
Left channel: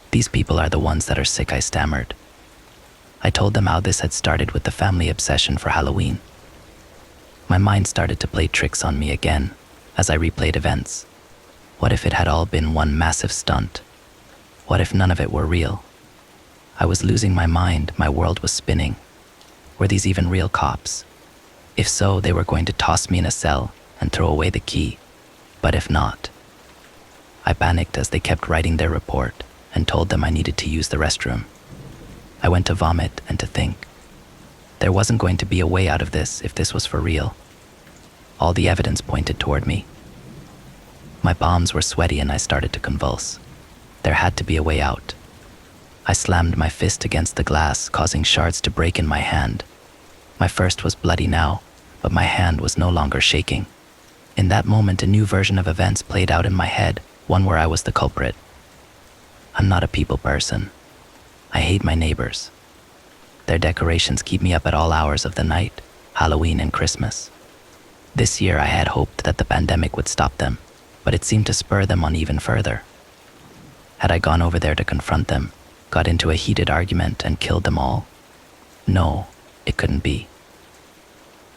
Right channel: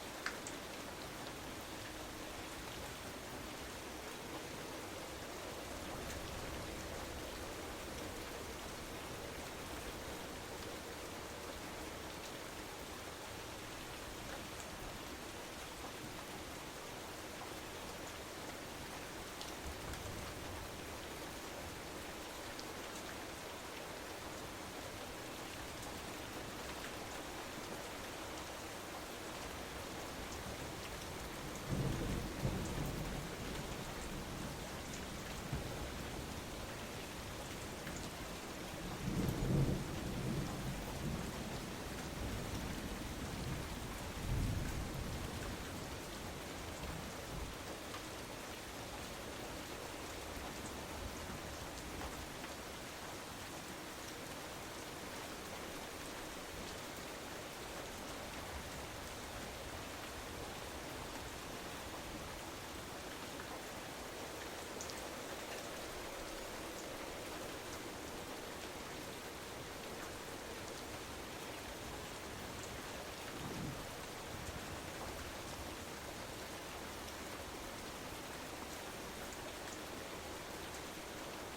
These people are the ones that are sick, I stammered. I told them how this had started with the family obsession for Halloween. My mind started to play tricks on me again as I replayed events. What if it had all been one massive stunt? What if none of it were real? I was losing my mind, my world was spinning. Were these even real cops? If so, they were going to toss me in a cell and throw away the key. But if not, I panicked as they kept writing their report and told them I needed to use the restroom. I went to vomit and to think. There wasn't going to be a way out of this if this was for real. All the evidence pointed toward me. My palms were sweaty and I started to convulse. There had to be a way out. I slammed my fist against the glass, causing shards to break in my hand. My fist was bloody now, but my hand was no longer shaking. In that moment, a new version of events played out in my head, one where I was the culprit. I'm not a people person. I hate my neighbors. Their decorations keep me up at all hours of the night, Halloween and Christmas. This year I had hoped that the pandemic would stop them, but it seemed to spur them on even further. Had I gone over there to confront them, got into a heated argument and killed them all? No, it couldn't be.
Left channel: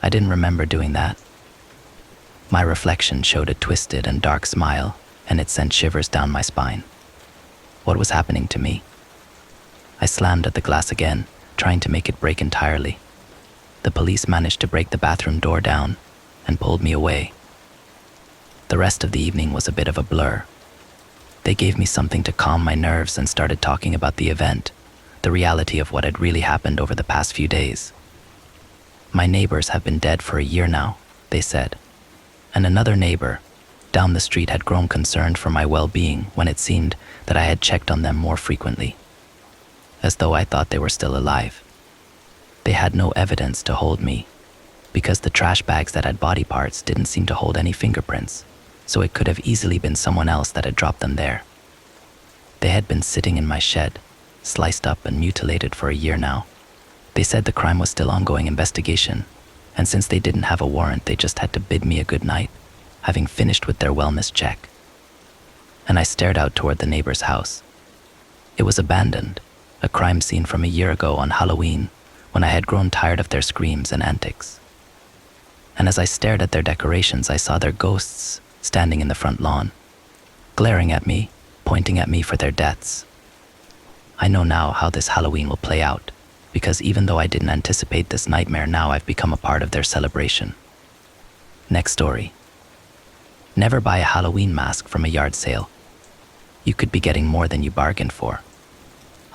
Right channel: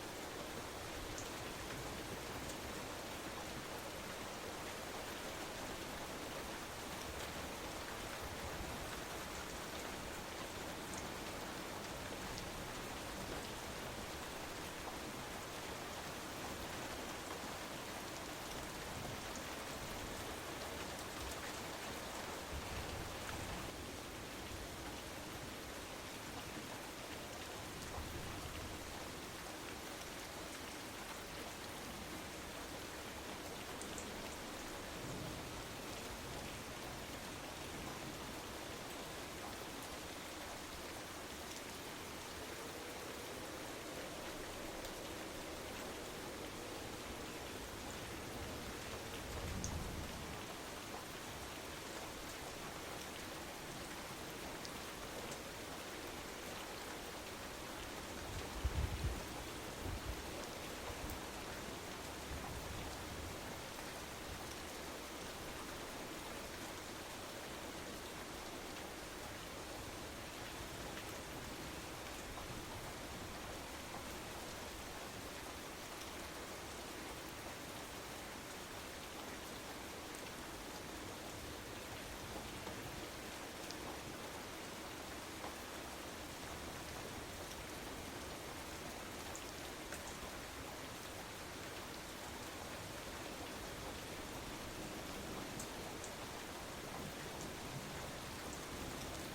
I didn't remember doing that. My reflection showed a twisted and dark smile, and it sent shivers down my spine. What was happening to me? I slammed at the glass again, trying to make it break entirely. The police managed to break the bathroom door down and pulled me away. The rest of the evening was a bit of a blur. They gave me something to calm my nerves and started talking about the event, the reality of what had really happened over the past few days. My neighbors have been dead for a year now, they said. And another neighbor down the street had grown concerned for my well-being when it seemed that I had checked on them more frequently, as though I thought they were still alive. They had no evidence to hold me, because the trash bags that had body parts didn't seem to hold any fingerprints, so it could have easily been someone else that had dropped them there. They had been sitting in my shed, sliced up and mutilated for a year now. They said the crime was still ongoing investigation, and since they didn't have a warrant, they just had to bid me a good night, having finished with their wellness check. And I stared out toward the neighbor's house. It was abandoned, a crime scene from a year ago on Halloween when I had grown tired of their screams and antics. And as I stared at their decorations, I saw their ghosts standing in the front lawn, glaring at me, pointing at me for their deaths. I know now how this Halloween will play out, because even though I didn't anticipate this nightmare, now I've become a part of their celebration. Next story. Never buy a Halloween mask from a yard sale. You could be getting more than you bargained for.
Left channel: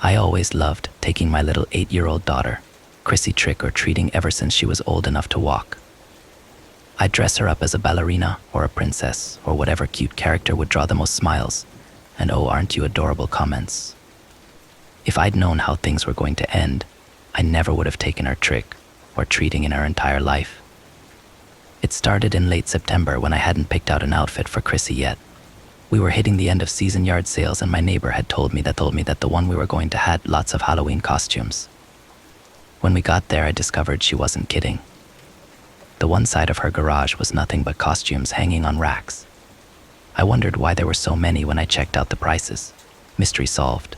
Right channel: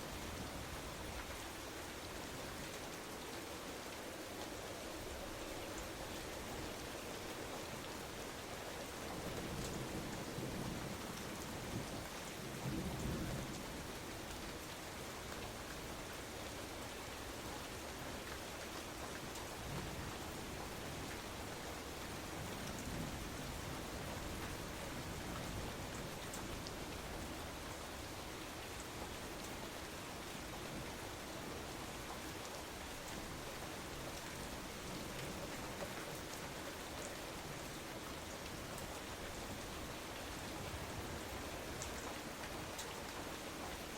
I always loved taking my little 8-year-old daughter, Chrissy, trick or treating ever since she was old enough to walk. I'd dress her up as a ballerina or a princess or whatever cute character would draw the most smiles, and oh, aren't you adorable comments. If I'd known how things were going to end, I never would have taken her trick or treating in her entire life. It started in late September when I hadn't picked out an outfit for Chrissy yet. We were hitting the end of season yard sales, and my neighbor had told me that the one we were going to had lots of Halloween costumes. When we got there, I discovered she wasn't kidding. The one side of her garage was nothing but costumes hanging on racks. I wondered why there were so many when I checked out the prices. Mystery solved.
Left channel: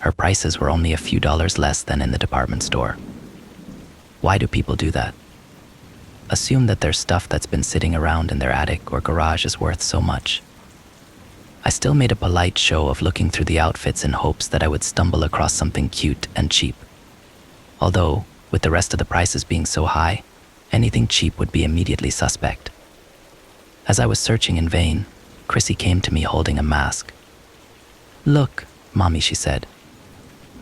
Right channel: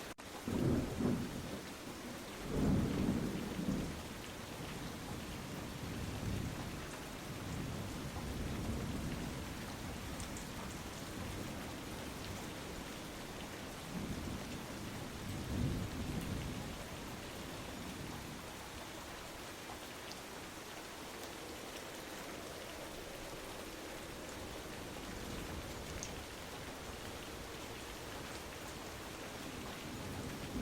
Her prices were only a few dollars less than in the department store. Why do people do that? Assume that there's stuff that's been sitting around in their attic or garage is worth so much. I still made a polite show of looking through the outfits in hopes that I would stumble across something cute and cheap. Although, with the rest of the prices being so high, anything cheap would be immediately suspect. As I was searching in vain, Chrissy came to me holding a mask. "Look, Mommy," she said.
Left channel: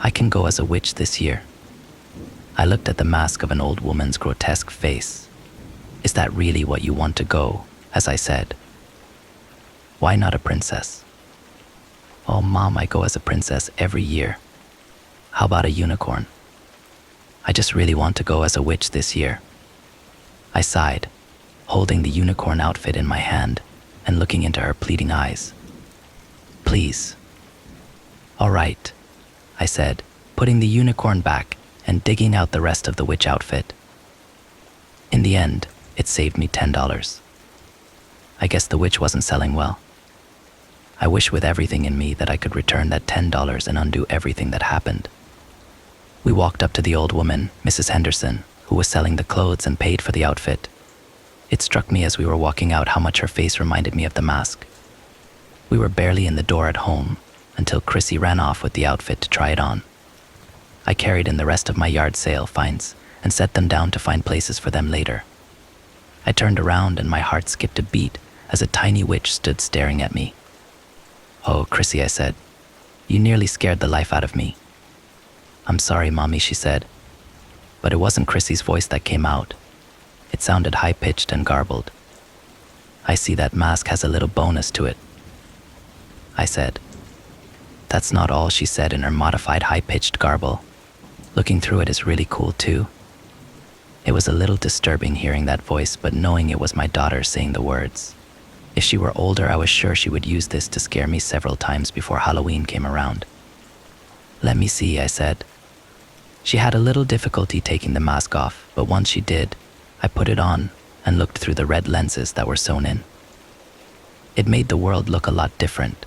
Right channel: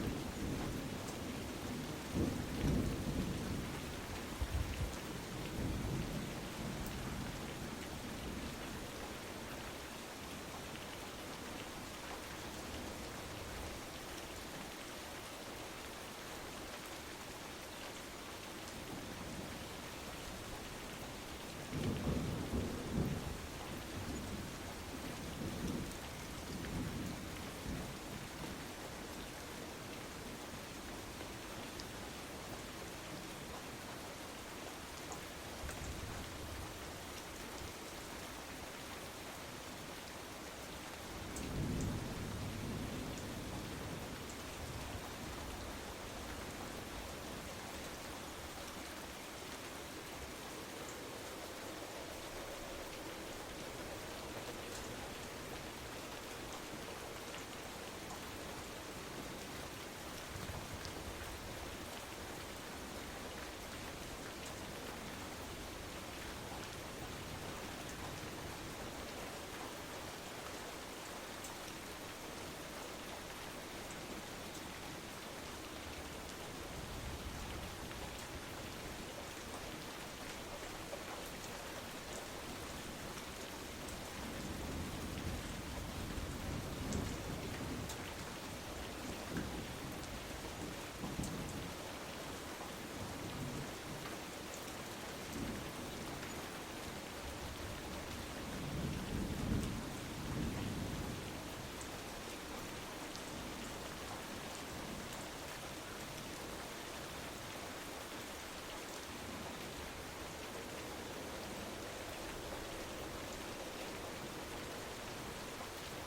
"I can go as a witch this year." I looked at the mask of an old woman's grotesque face. "Is that really what you want to go?" as I said. "Why not a princess?" "Oh, Mom, I go as a princess every year." "How about a unicorn?" "I just really want to go as a witch this year." I sighed, holding the unicorn outfit in my hand and looking into her pleading eyes. "Please." "All right," I said, putting the unicorn back and digging out the rest of the witch outfit. In the end, it saved me $10. I guess the witch wasn't selling well. I wish with everything in me that I could return that $10 and undo everything that happened. We walked up to the old woman, Mrs. Henderson, who was selling the clothes, and paid for the outfit. It struck me as we were walking out how much her face reminded me of the mask. We were barely in the door at home until Chrissy ran off with the outfit to try it on. I carried in the rest of my yard sale finds and set them down to find places for them later. I turned around and my heart skipped a beat as a tiny witch stood staring at me. "Oh, Chrissy," I said, "you nearly scared the life out of me." "I'm sorry, Mommy," she said. But it wasn't Chrissy's voice that came out. It sounded high-pitched and garbled. "I see that mask has a little bonus to it," I said. "That's not all," she said in her modified high-pitched garble. "Looking through it is really cool too." It was a little disturbing hearing that voice, but knowing it was my daughter saying the words. If she were older, I was sure she would use this to scare me several times before Halloween came around. "Let me see," I said. She had a little difficulty taking the mask off, but once she did, I put it on and looked through the red lenses that were sewn in. It made the world look a lot different.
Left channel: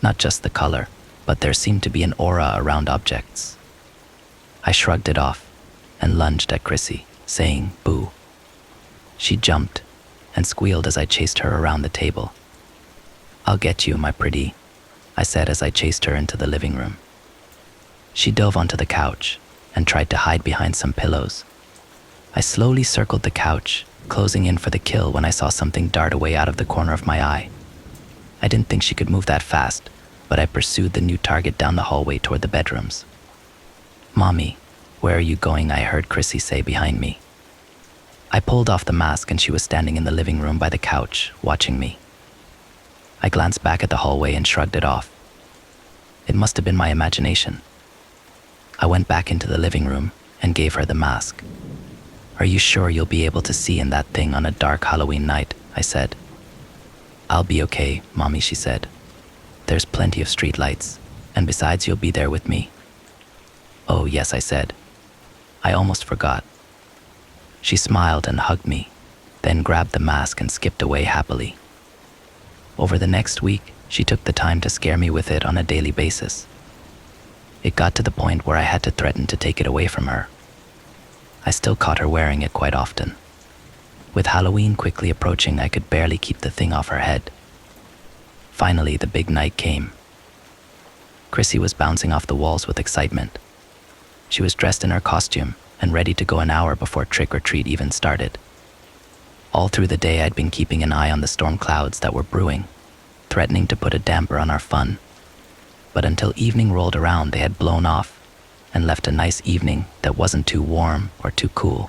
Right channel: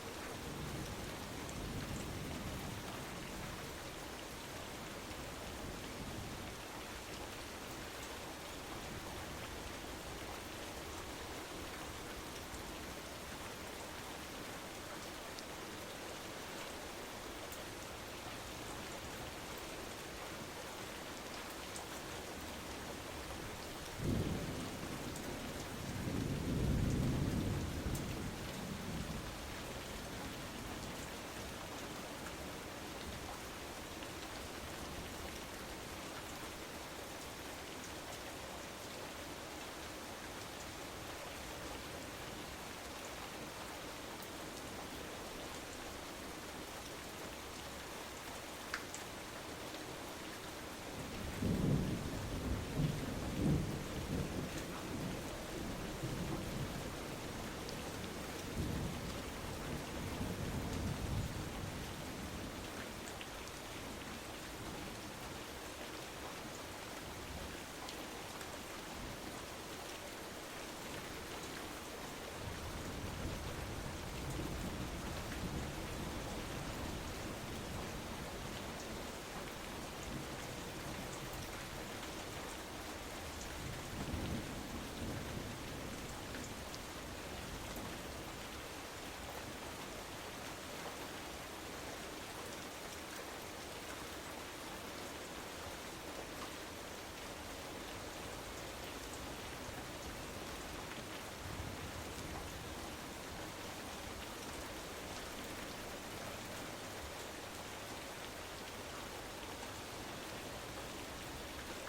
Not just the color, but there seemed to be an aura around objects. I shrugged it off and lunged at Chrissy, saying, "Boo." She jumped and squealed as I chased her around the table. "I'll get you, my pretty," I said as I chased her into the living room. She dove onto the couch and tried to hide behind some pillows. I slowly circled the couch, closing in for the kill when I saw something dart away out of the corner of my eye. I didn't think she could move that fast, but I pursued the new target down the hallway toward the bedrooms. "Mommy, where are you going?" I heard Chrissy say behind me. I pulled off the mask and she was standing in the living room by the couch, watching me. I glanced back at the hallway and shrugged it off. It must have been my imagination. I went back into the living room and gave her the mask. "Are you sure you'll be able to see in that thing on a dark Halloween night?" I said. "I'll be okay, Mommy," she said. "There's plenty of street lights, and besides, you'll be there with me." "Oh, yes," I said. "I almost forgot." She smiled and hugged me, then grabbed the mask and skipped away happily. Over the next week, she took the time to scare me with it on a daily basis. It got to the point where I had to threaten to take it away from her. I still caught her wearing it quite often. With Halloween quickly approaching, I could barely keep the thing off her head. Finally, the big night came. Chrissy was bouncing off the walls with excitement. She was dressed in her costume and ready to go an hour before trick-or-treat even started. All through the day, I'd been keeping an eye on the storm clouds that were brewing, threatening to put a damper on our fun. But until evening rolled around, they had blown off and left a nice evening that wasn't too warm or too cool.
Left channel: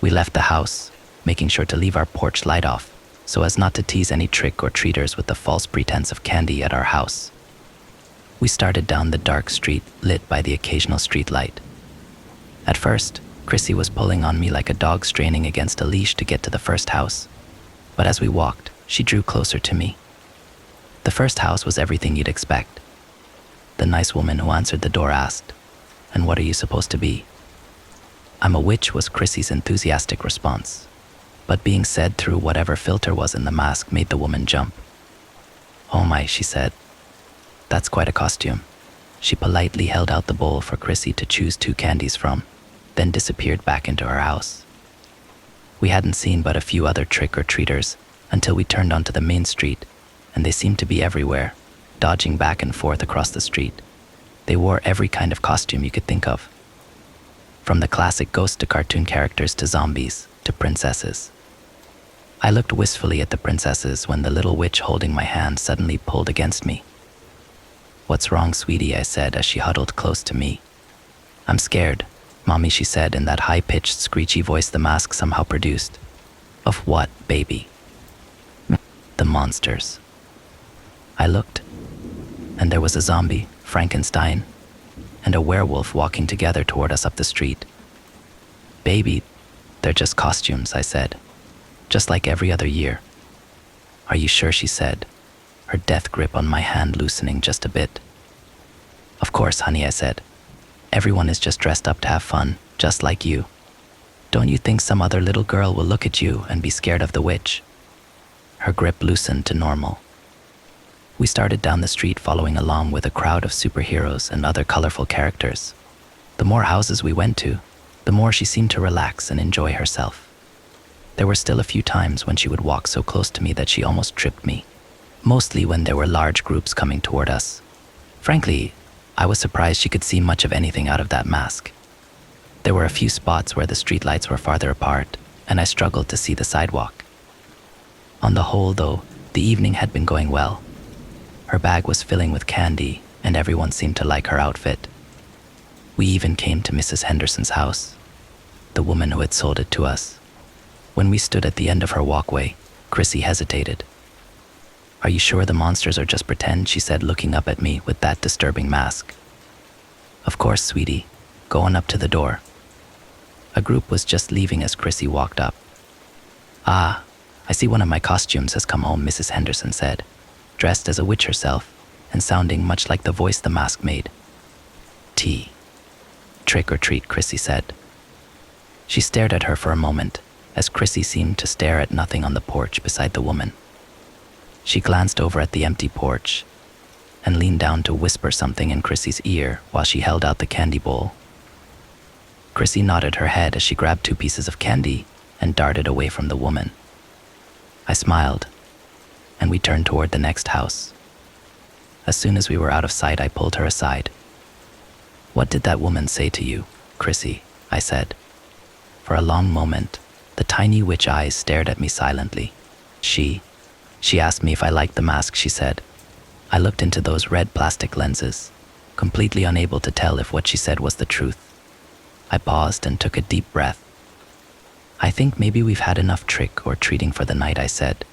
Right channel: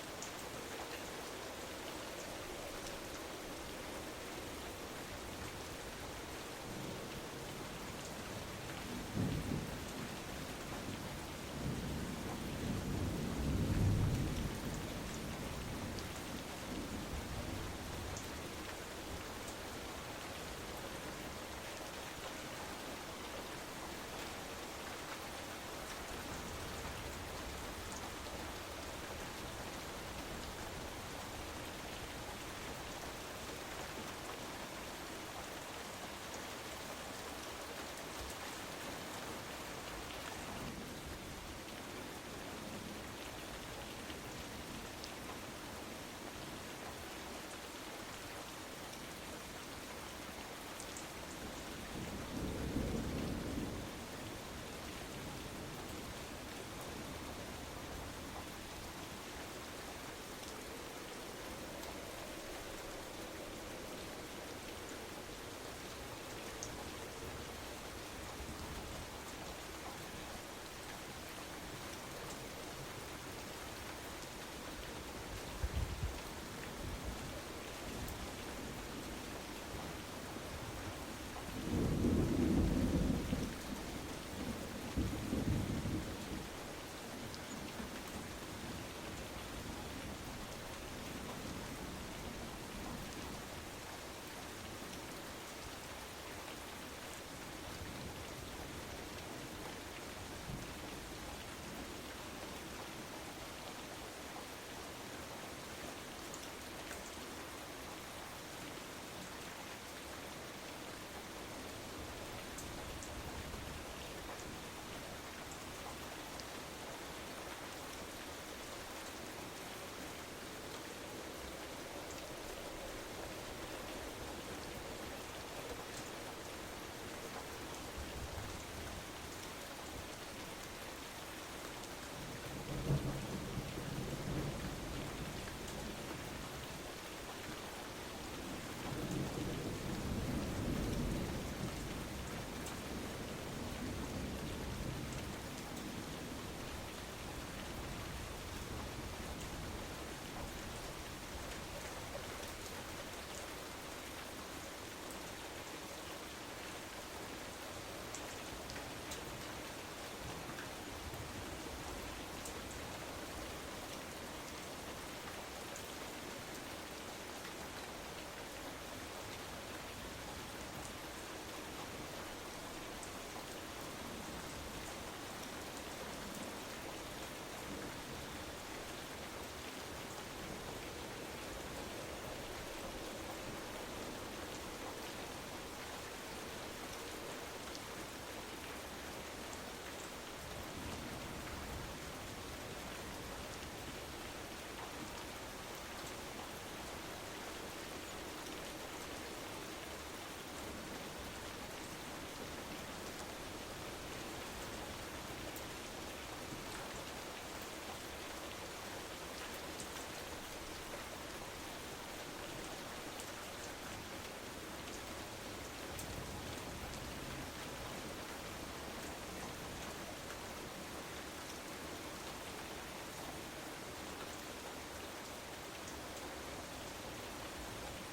We left the house, making sure to leave our porch light off so as not to tease any trick-or-treaters with the false pretense of candy at our house. We started down the dark street lit by the occasional street light. At first, Chrissy was pulling on me like a dog straining against a leash to get to the first house. But as we walked, she drew closer to me. The first house was everything you'd expect. The nice woman who answered the door asked, "And what are you supposed to be?" "I'm a witch," was Chrissy's enthusiastic response. But being said through whatever filter was in the mask made the woman jump. "Oh my," she said. "That's quite a costume." She politely held out the bowl for Chrissy to choose 2 candies from, then disappeared back into her house. We hadn't seen but a few other trick-or-treaters until we turned onto the main street, and they seemed to be everywhere, dodging back and forth across the street. They wore every kind of costume you could think of. From the classic ghost to cartoon characters to zombies to princesses. I looked wistfully at the princesses when the little witch holding my hand suddenly pulled against me. "What's wrong, sweetie?" I said as she huddled close to me. "I'm scared, Mommy," she said in that high-pitched, screechy voice the mask somehow produced. "Of what, baby?" "The monsters." I looked, and there was a zombie, Frankenstein, and a werewolf walking together toward us up the street. "Baby, they're just costumes," I said, "just like every other year." "Are you sure?" she said, her death grip on my hand loosening just a bit. "Of course, honey," I said. "Everyone is just dressed up to have fun, just like you. Don't you think some other little girl will look at you and be scared of the witch?" Her grip loosened to normal. We started down the street following along with a crowd of superheroes and other colorful characters. The more houses we went to, the more she seemed to relax and enjoy herself. There were still a few times when she would walk so close to me that she almost tripped me, mostly when there were large groups coming toward us. Frankly, I was surprised she could see much of anything out of that mask. There were a few spots where the streetlights were farther apart, and I struggled to see the sidewalk. On the whole, though, the evening had been going well. Her bag was filling with candy, and everyone seemed to like her outfit. We even came to Mrs. Henderson's house, the woman who had sold it to us. When we stood at the end of her walkway, Chrissy hesitated. "Are you sure the monsters are just pretend?" she said, looking up at me with that disturbing mask. "Of course, sweetie. Go on up to the door." A group was just leaving as Chrissy walked up. "Ah, I see one of my costumes has come home," Mrs. Henderson said, dressed as a witch herself and sounding much like the voice the mask made. "Tea. Trick or treat," Chrissy said. She stared at her for a moment, as Chrissy seemed to stare at nothing on the porch beside the woman. She glanced over at the empty porch and leaned down to whisper something in Chrissy's ear while she held out the candy bowl. Chrissy nodded her head as she grabbed 2 pieces of candy and darted away from the woman. I smiled, and we turned toward the next house. As soon as we were out of sight, I pulled her aside. "What did that woman say to you, Chrissy?" I said. For a long moment, the tiny witch eyes stared at me silently. She asked me if I liked the mask," she said. I looked into those red plastic lenses, completely unable to tell if what she said was the truth. I paused and took a deep breath. "I think maybe we've had enough trick or treating for the night," I said.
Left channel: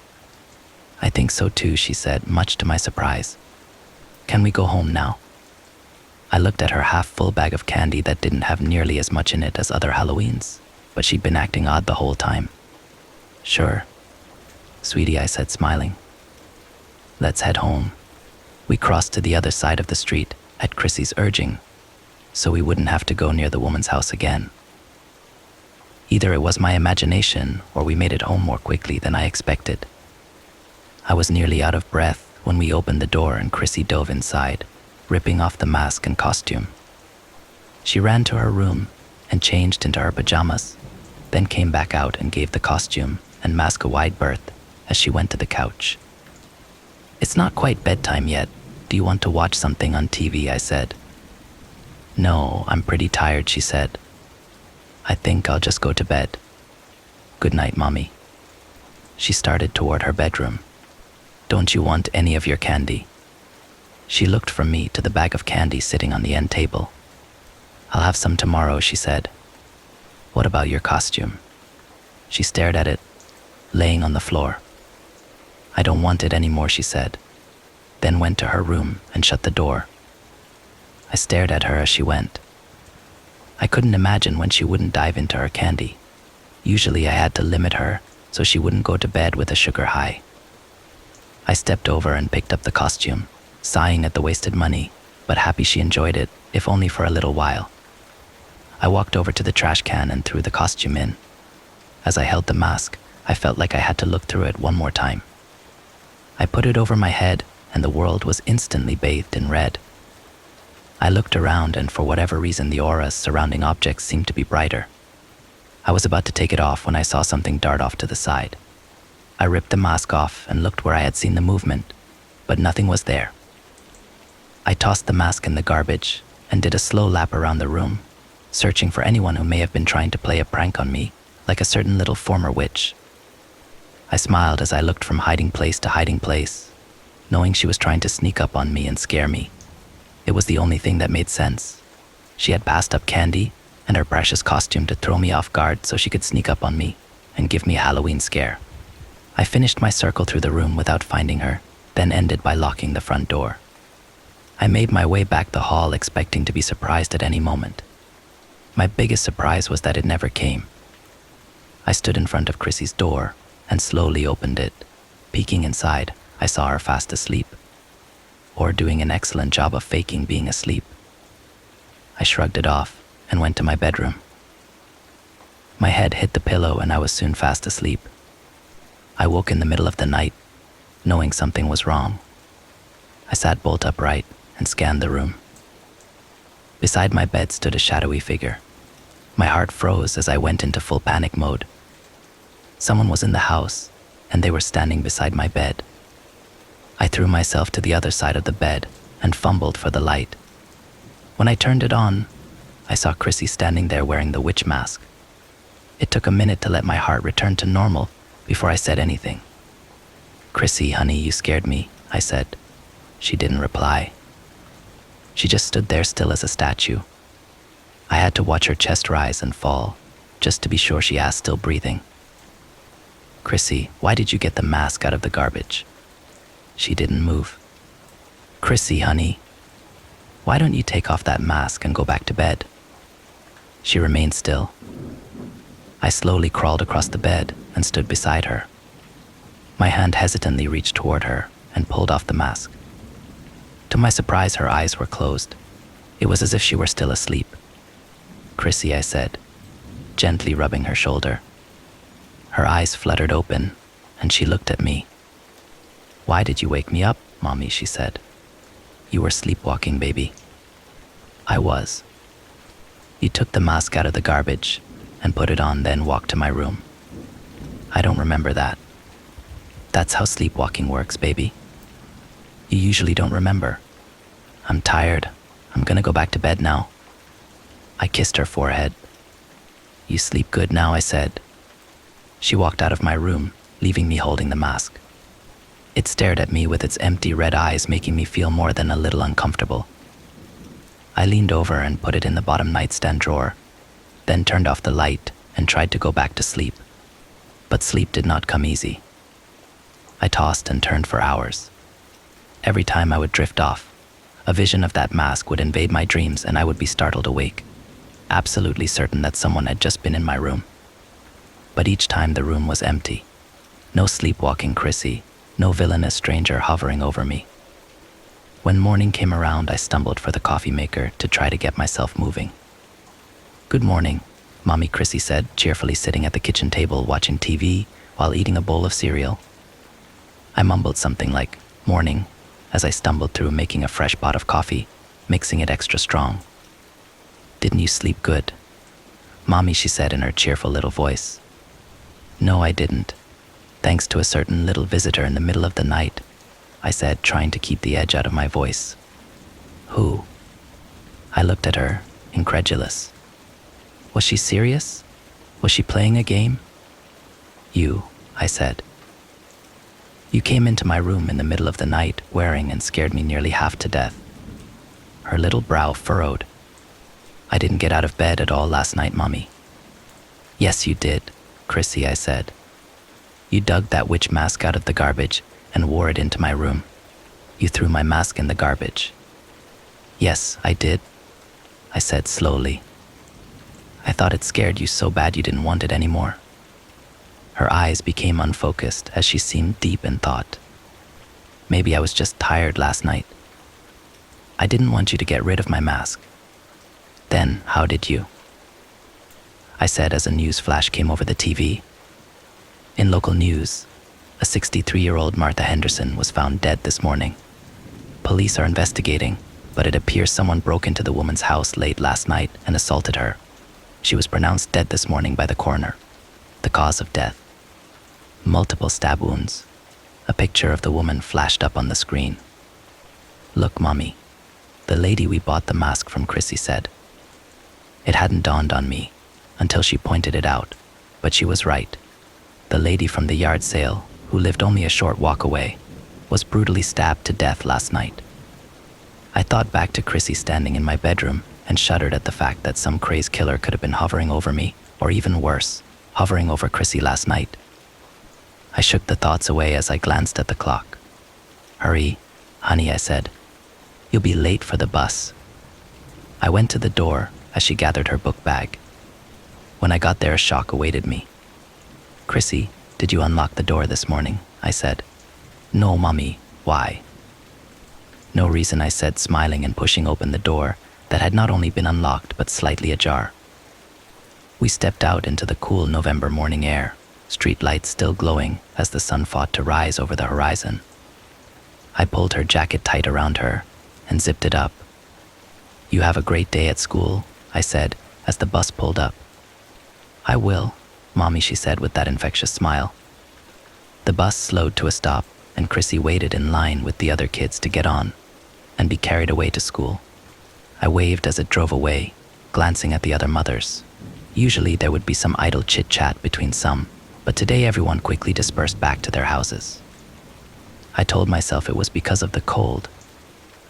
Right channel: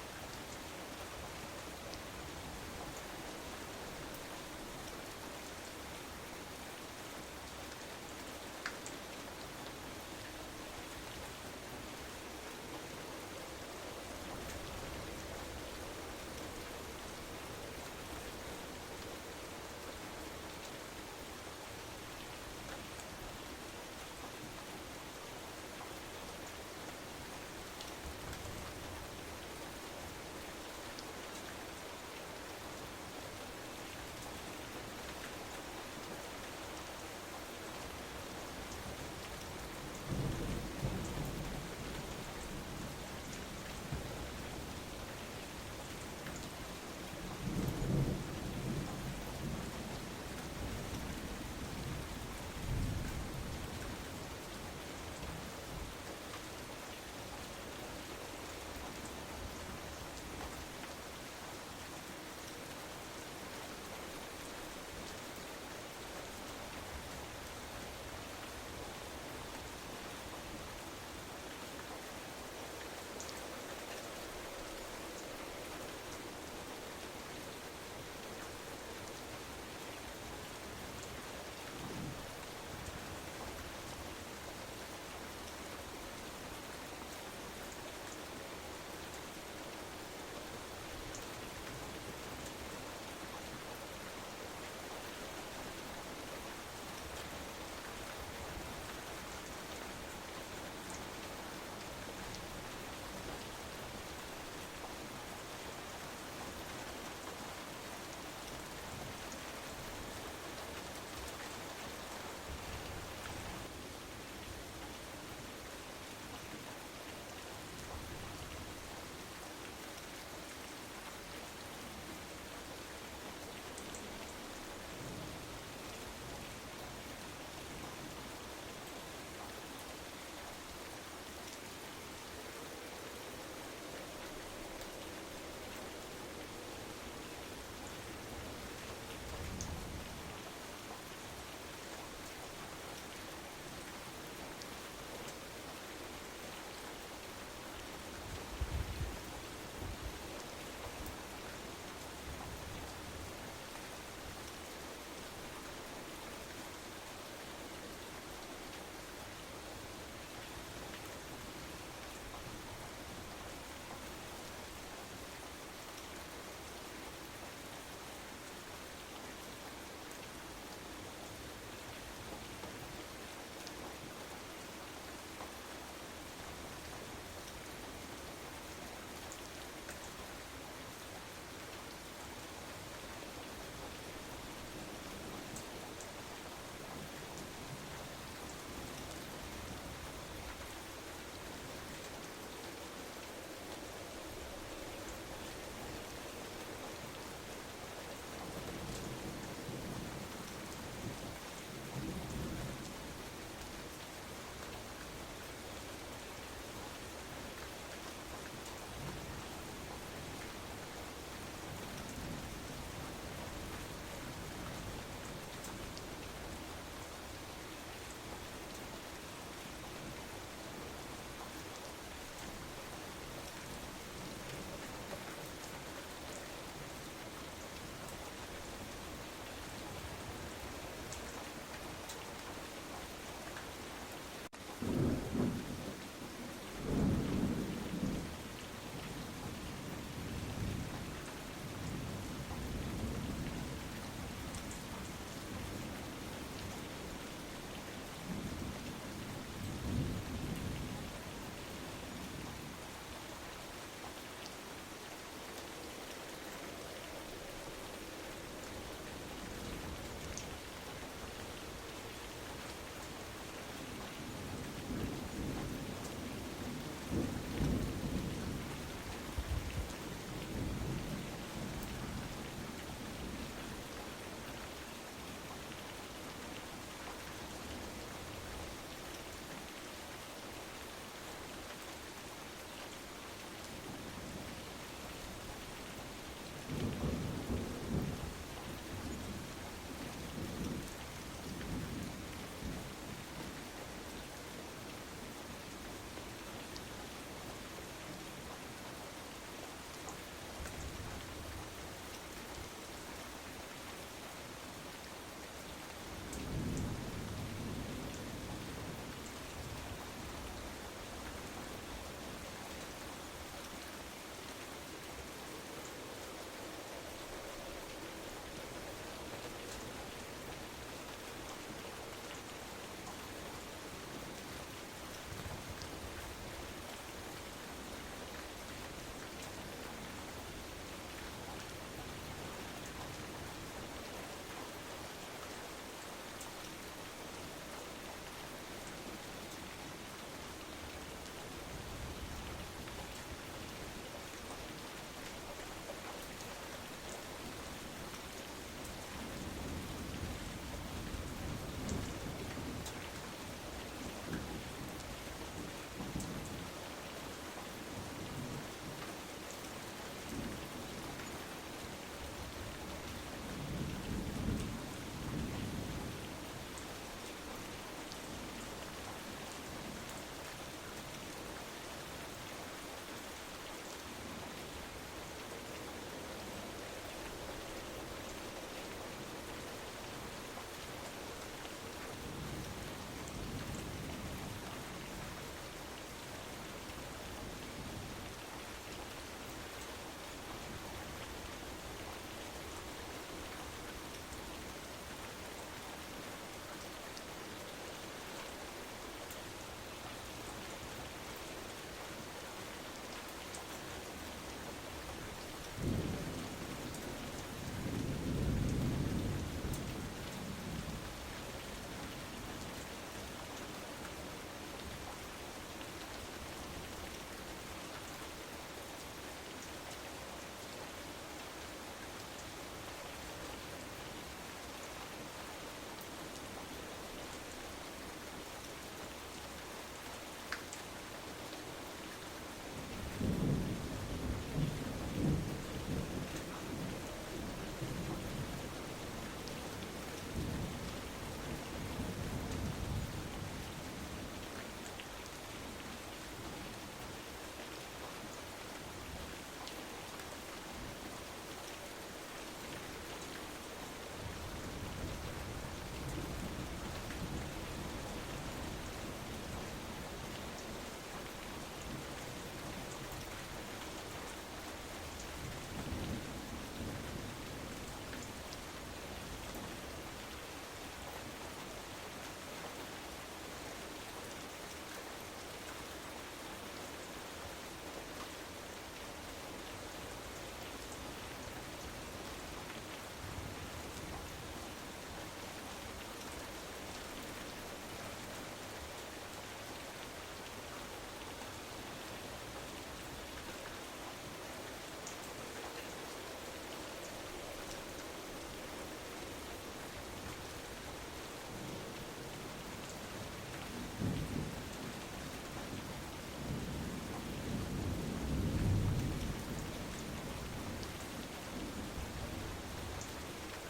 "I think so too," she said, much to my surprise. "Can we go home now?" I looked at her half-full bag of candy that didn't have nearly as much in it as other Halloweens, but she'd been acting odd the whole time. "Sure, sweetie," I said, smiling. "Let's head home." We crossed to the other side of the street at Chrissy's urging, so we wouldn't have to go near the woman's house again. Either it was my imagination or we made it home more quickly than I expected. I was nearly out of breath when we opened the door and Chrissy dove inside. ripping off the mask and costume. She ran to her room and changed into her pajamas, then came back out and gave the costume and mask a wide berth as she went to the couch. "It's not quite bedtime yet. Do you want to watch something on TV?" I said. "No, I'm pretty tired," she said. "I think I'll just go to bed. Good night, Mommy." She started toward her bedroom. "Don't you want any of your candy?" She looked from me to the bag of candy sitting on the end table. "I'll have some tomorrow," she said. "What about your costume?" She stared at it, laying on the floor. "I don't want it anymore," she said, then went to her room and shut the door. I stared at her as she went. I couldn't imagine when she wouldn't dive into her candy. Usually I had to limit her so she wouldn't go to bed with a sugar high. I stepped over and picked up the costume, sighing at the wasted money, but happy she enjoyed it, if only for a little while. I walked over to the trash can and threw the costume in. As I held the mask, I felt like I had to look through it one more time. I put it over my head, and the world was instantly bathed in red. I looked around, and for whatever reason, the auras surrounding objects seemed to be brighter. I was about to take it off when I saw something dart off to the side. I ripped the mask off and looked where I had seen the movement, but nothing was there. I tossed the mask in the garbage and did a slow lap around the room, searching for anyone who may have been trying to play a prank on me, like a certain little former witch. I smiled as I looked from hiding place to hiding place, knowing she was trying to sneak up on me and scare me. It was the only thing that made sense. She had passed up candy and her precious costume to throw me off guard so she could sneak up on me and give me a Halloween scare. I finished my circle through the room without finding her, then ended by locking the front door. I made my way back the hall expecting to be surprised at any moment. My biggest surprise was that it never came. I stood in front of Chrissy's door and slowly opened it. Peeking inside, I saw her fast asleep, or doing an excellent job of faking being asleep. I shrugged it off and went to my bedroom. My head hit the pillow and I was soon fast asleep. I woke in the middle of the night, knowing something was wrong. I sat bolt upright and scanned the room. Beside my bed stood a shadowy figure. My heart froze as I went into full panic mode. Someone was in the house, and they were standing beside my bed. I threw myself to the other side of the bed and fumbled for the light. When I turned it on, I saw Chrissy standing there wearing the witch mask. It took a minute to let my heart return to normal before I said anything. "Chrissy, honey, you scared me," I said. She didn't reply. She just stood there still as a statue. I had to watch her chest rise and fall, just to be sure she asked, still breathing. "Chrissy, why did you get the mask out of the garbage?" She didn't move. "Chrissy, honey, why don't you take off that mask and go back to bed?" She remained still. I slowly crawled across the bed and stood beside her. My hand hesitantly reached toward her and pulled off the mask. To my surprise, her eyes were closed. It was as if she were still asleep. "Chrissy," I said, gently rubbing her shoulder. Her eyes fluttered open, and she looked at me. "Why did you wake me up, Mommy?" she said. "You were sleepwalking, baby." I was. You took the mask out of the garbage and put it on, then walked to my room. I don't remember that. That's how sleepwalking works, baby. You usually don't remember. I'm tired. I'm gonna go back to bed now. I kissed her forehead. "You sleep good now," I said. She walked out of my room, leaving me holding the mask. It stared at me with its empty red eyes, making me feel more than a little uncomfortable. I leaned over and put it in the bottom nightstand drawer, then turned off the light and tried to go back to sleep. But sleep did not come easy. I tossed and turned for hours. Every time I would drift off, a vision of that mask would invade my dreams and I would be startled awake, absolutely certain that someone had just been in my room. But each time the room was empty. No sleepwalking Chrissy, no villainous stranger hovering over me. When morning came around, I stumbled for the coffee maker to try to get myself moving. "Good morning," Mommy Chrissy said, cheerfully sitting at the kitchen table watching TV while eating a bowl of cereal. I mumbled something like, "morning," as I stumbled through making a fresh pot of coffee mixing it extra strong. "Didn't you sleep good?" "Mommy," she said in her cheerful little voice. "No, I didn't. Thanks to a certain little visitor in the middle of the night," I said, trying to keep the edge out of my voice. "Who?" I looked at her, incredulous. Was she serious? Was she playing a game? "You," I said. "You came into my room in the middle of the night, wearing and scared me nearly half to death." Her little brow furrowed. "I didn't get out of bed at all last night, Mommy." "Yes, you did, Chrissy," I said. "You dug that witch mask out of the garbage and wore it into my room. You threw my mask in the garbage." "Yes, I did," I said slowly. "I thought it scared you so bad you didn't want it anymore." Her eyes became unfocused as she seemed deep in thought. "Maybe I was just tired last night. I didn't want you to get rid of my mask." "Then how did you?" I said as a news flash came over the TV. In local news, a 63-year-old Martha Henderson was found dead this morning. Police are investigating, but it appears someone broke into the woman's house late last night and assaulted her. She was pronounced dead this morning by the coroner. The cause of death: multiple stab wounds. A picture of the woman flashed up on the screen. "Look, Mommy," the lady we bought the mask from, Chrissy said. It hadn't dawned on me until she pointed it out, but she was right. The lady from the yard sale, who lived only a short walk away, was brutally stabbed to death last night. I thought back to Chrissy standing in my bedroom and shuddered at the fact that some crazed killer could have been hovering over me, or even worse, hovering over Chrissy last night. I shook the thoughts away as I glanced at the clock. "Hurry, honey," I said. "You'll be late for the bus." I went to the door as she gathered her book bag. When I got there, a shock awaited me. "Chrissy, did you unlock the door this morning?" I said. "No, Mommy. Why?" "No reason," I said, smiling and pushing open the door that had not only been unlocked but slightly ajar. We stepped out into the cool November morning air, street lights still glowing as the sun fought to rise over the horizon. I pulled her jacket tight around her and zipped it up. "You have a great day at school," I said as the bus pulled up. "I will, Mommy," she said with that infectious smile. The bus slowed to a stop, and Chrissy waited in line with the other kids to get on and be carried away to school. I waved as it drove away, glancing at the other mothers. Usually there would be some idle chit-chat between some, but today everyone quickly dispersed back to their houses. I told myself it was because of the cold,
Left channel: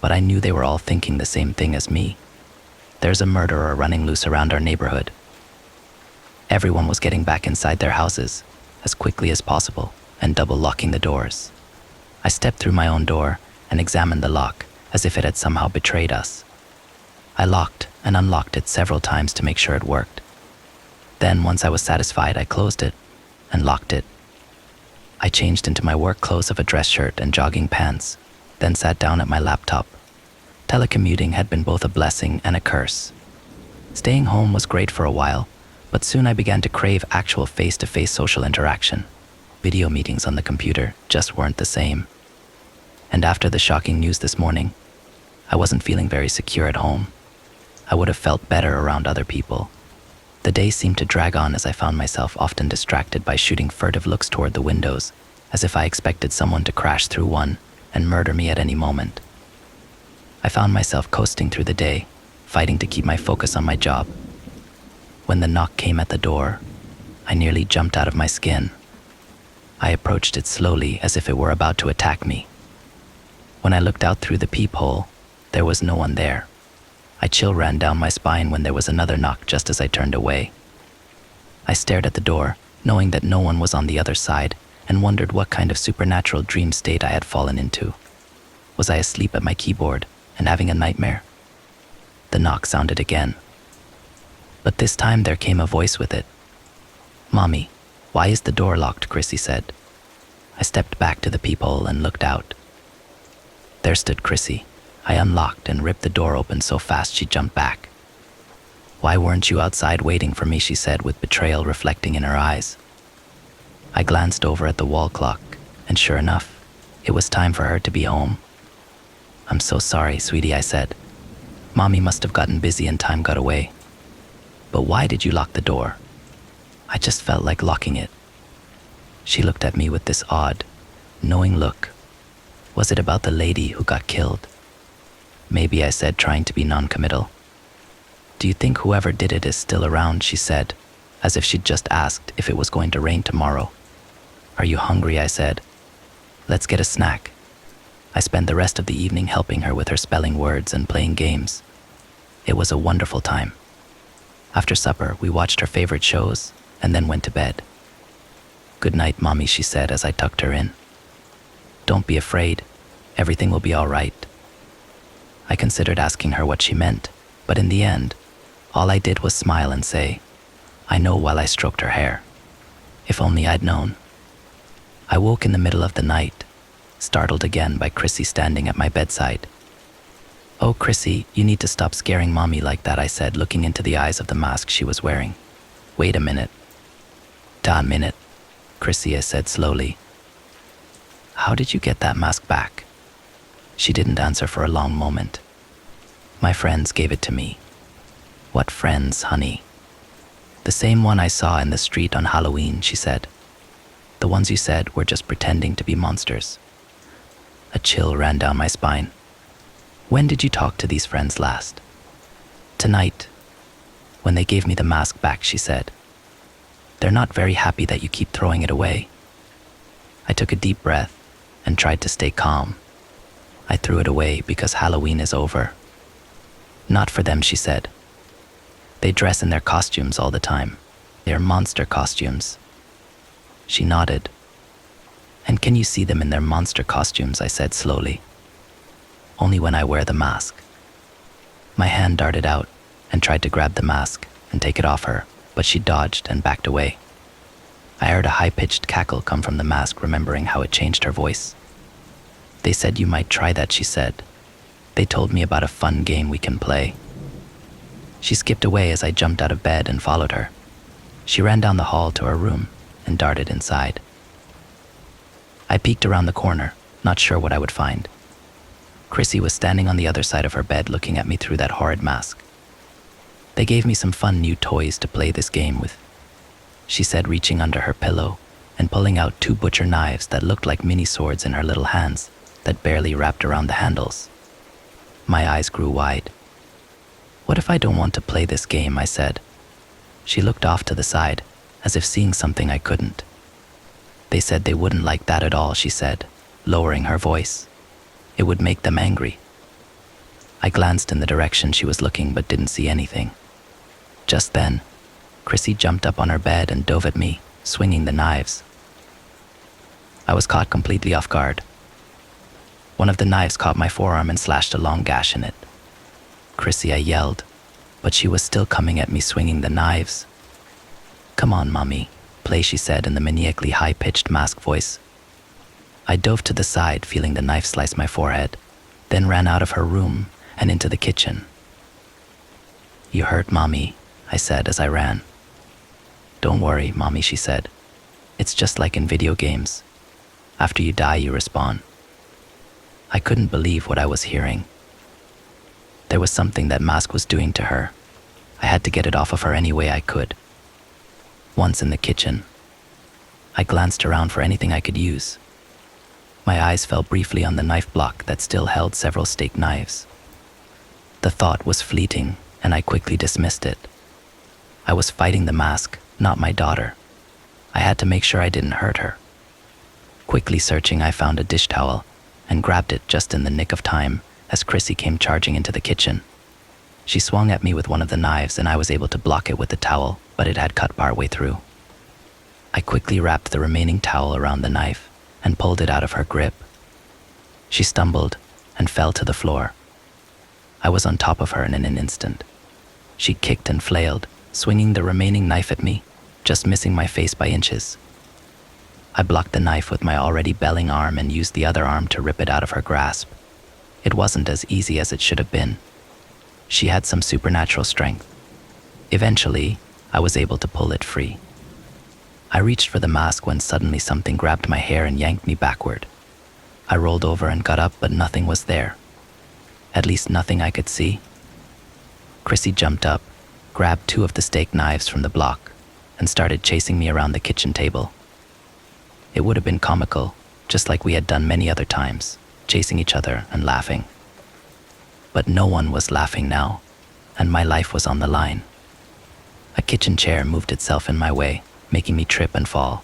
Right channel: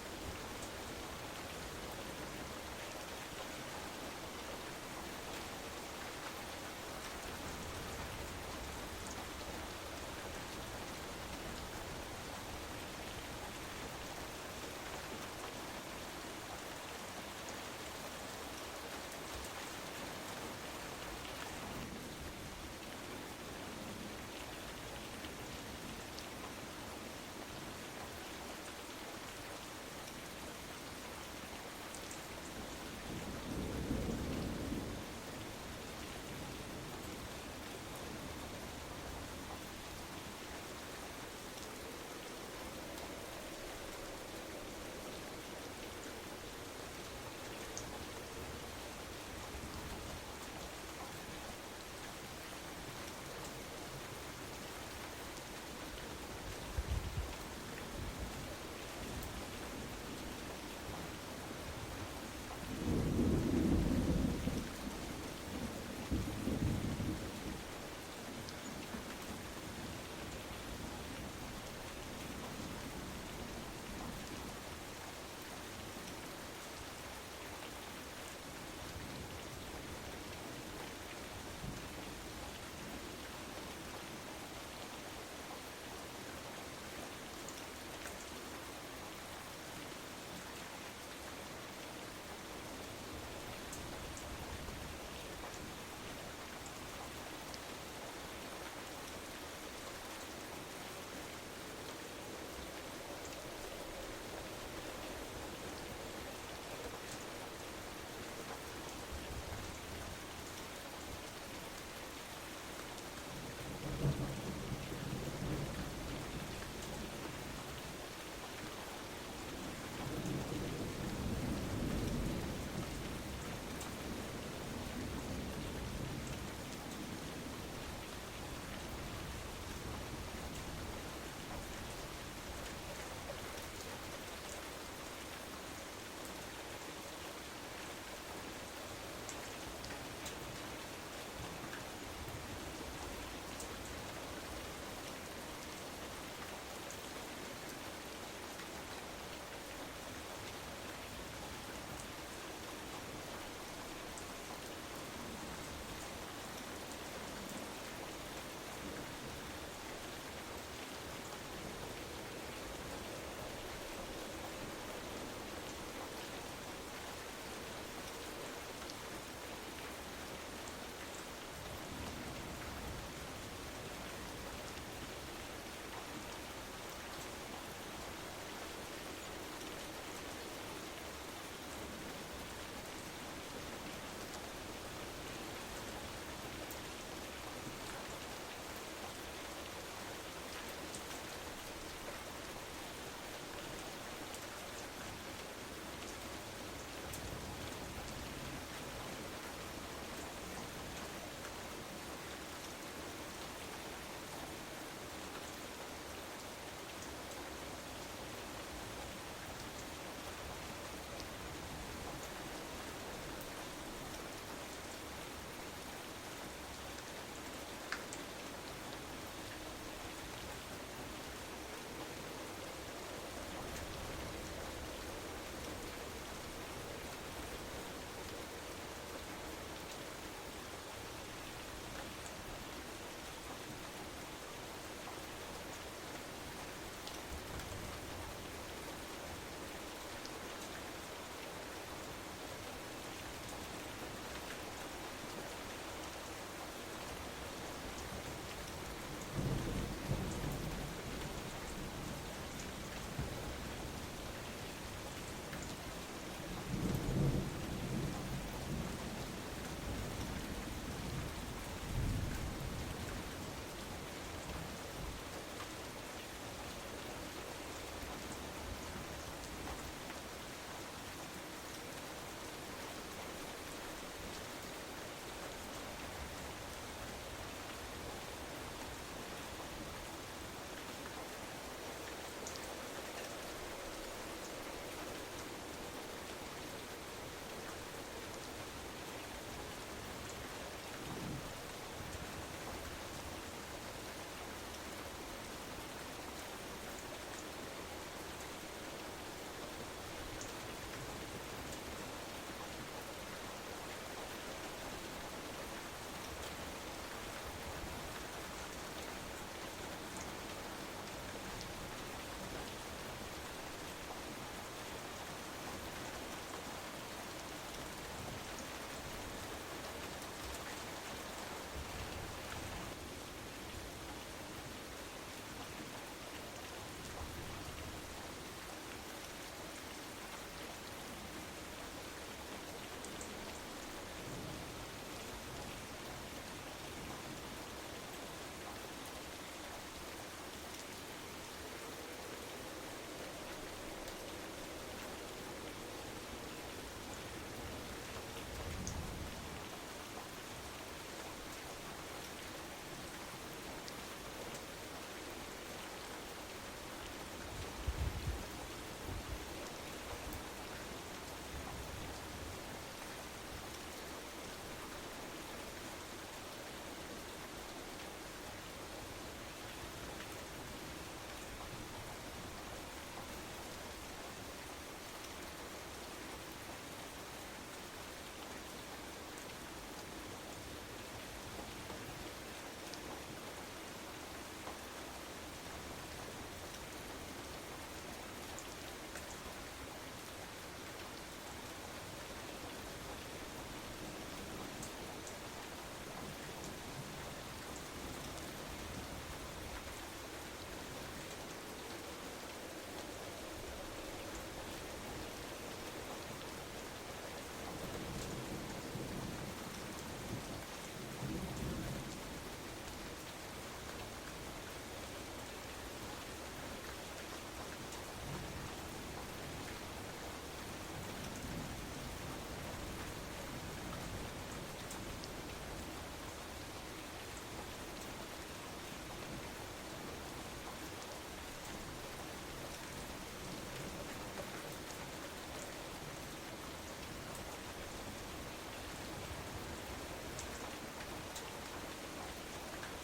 but I knew they were all thinking the same thing as me. There's a murderer running loose around our neighborhood. Everyone was getting back inside their houses as quickly as possible and double locking the doors. I stepped through my own door and examined the lock as if it had somehow betrayed us. I locked and unlocked it several times to make sure it worked. Then, once I was satisfied, I closed it and locked it. I changed into my work clothes of a dress shirt and jogging pants, then sat down at my laptop. Telecommuting had been both a blessing and a curse. Staying home was great for a while, but soon I began to crave actual face-to-face social interaction. Video meetings on the computer just weren't the same. And after the shocking news this morning, I wasn't feeling very secure at home. I would have felt better around other people. The day seemed to drag on as I found myself often distracted by shooting furtive looks toward the windows, as if I expected someone to crash through one and murder me at any moment. I found myself coasting through the day, fighting to keep my focus on my job. When the knock came at the door, I nearly jumped out of my skin. I approached it slowly as if it were about to attack me. When I looked out through the peephole, there was no one there. A chill ran down my spine when there was another knock just as I turned away. I stared at the door, knowing that no one was on the other side, and wondered what kind of supernatural dream state I had fallen into. Was I asleep at my keyboard and having a nightmare? The knock sounded again. But this time there came a voice with it. "Mommy, why is the door locked?" Chrissy said. I stepped back to the peephole and looked out. There stood Chrissy. I unlocked and ripped the door open so fast she jumped back. "Why weren't you outside waiting for me?" she said with betrayal reflecting in her eyes. I glanced over at the wall clock, and sure enough, it was time for her to be home. "I'm so sorry, sweetie," I said. Mommy must have gotten busy and time got away. But why did you lock the door? I just felt like locking it. She looked at me with this odd, knowing look. Was it about the lady who got killed? Maybe, I said, trying to be non-committal. Do you think whoever did it is still around? She said, as if she'd just asked if it was going to rain tomorrow. Are you hungry? I said. Let's get a snack. I spent the rest of the evening helping her with her spelling words and playing games. It was a wonderful time. After supper, we watched her favorite shows and then went to bed. Good night, Mommy, she said as I tucked her in. Don't be afraid. Everything will be all right. I considered asking her what she meant, but in the end, all I did was smile and say, I know, while I stroked her hair. If only I'd known. I woke in the middle of the night, startled again by Chrissy standing at my bedside. Oh, Chrissy, you need to stop scaring Mommy like that, I said, looking into the eyes of the mask she was wearing. Wait a minute. Da minute, Chrissy said slowly. How did you get that mask back? She didn't answer for a long moment. My friends gave it to me. What friends, honey? The same one I saw in the street on Halloween, she said. The ones you said were just pretending to be monsters. A chill ran down my spine. When did you talk to these friends last? Tonight, when they gave me the mask back, she said. They're not very happy that you keep throwing it away. I took a deep breath and tried to stay calm. I threw it away because Halloween is over. Not for them, she said. They dress in their costumes all the time. They are monster costumes. She nodded. And can you see them in their monster costumes? I said slowly. Only when I wear the mask. My hand darted out and tried to grab the mask and take it off her, but she dodged and backed away. I heard a high-pitched cackle come from the mask, remembering how it changed her voice. They said you might try that, she said. They told me about a fun game we can play. She skipped away as I jumped out of bed and followed her. She ran down the hall to her room and darted inside. I peeked around the corner, not sure what I would find. Chrissy was standing on the other side of her bed looking at me through that horrid mask. They gave me some fun new toys to play this game with, she said, reaching under her pillow and pulling out 2 butcher knives that looked like mini swords in her little hands that barely wrapped around the handles. My eyes grew wide. What if I don't want to play this game? I said. She looked off to the side, as if seeing something I couldn't. They said they wouldn't like that at all, she said, lowering her voice. It would make them angry. I glanced in the direction she was looking but didn't see anything. Just then, Chrissy jumped up on her bed and dove at me, swinging the knives. I was caught completely off guard. One of the knives caught my forearm and slashed a long gash in it. Chrissy, I yelled, but she was still coming at me, swinging the knives. Come on, Mommy, play, she said in the maniacally high-pitched mask voice. I dove to the side, feeling the knife slice my forehead, then ran out of her room and into the kitchen. You hurt, Mommy, I said as I ran. Don't worry, Mommy, she said. It's just like in video games. After you die, you respawn. I couldn't believe what I was hearing. There was something that mask was doing to her. I had to get it off of her any way I could. Once in the kitchen, I glanced around for anything I could use. My eyes fell briefly on the knife block that still held several steak knives. The thought was fleeting, and I quickly dismissed it. I was fighting the mask, not my daughter. I had to make sure I didn't hurt her. Quickly searching, I found a dish towel and grabbed it just in the nick of time as Chrissy came charging into the kitchen. She swung at me with one of the knives and I was able to block it with the towel, but it had cut partway through. I quickly wrapped the remaining towel around the knife and pulled it out of her grip. She stumbled and fell to the floor. I was on top of her in an instant. She kicked and flailed, swinging the remaining knife at me, just missing my face by inches. I blocked the knife with my already belling arm and used the other arm to rip it out of her grasp. It wasn't as easy as it should have been. She had some supernatural strength. Eventually, I was able to pull it free. I reached for the mask when suddenly something grabbed my hair and yanked me backward. I rolled over and got up, but nothing was there. At least nothing I could see. Chrissy jumped up, grabbed 2 of the steak knives from the block, and started chasing me around the kitchen table. It would have been comical, just like we had done many other times, chasing each other and laughing. But no one was laughing now, and my life was on the line. A kitchen chair moved itself in my way, making me trip and fall.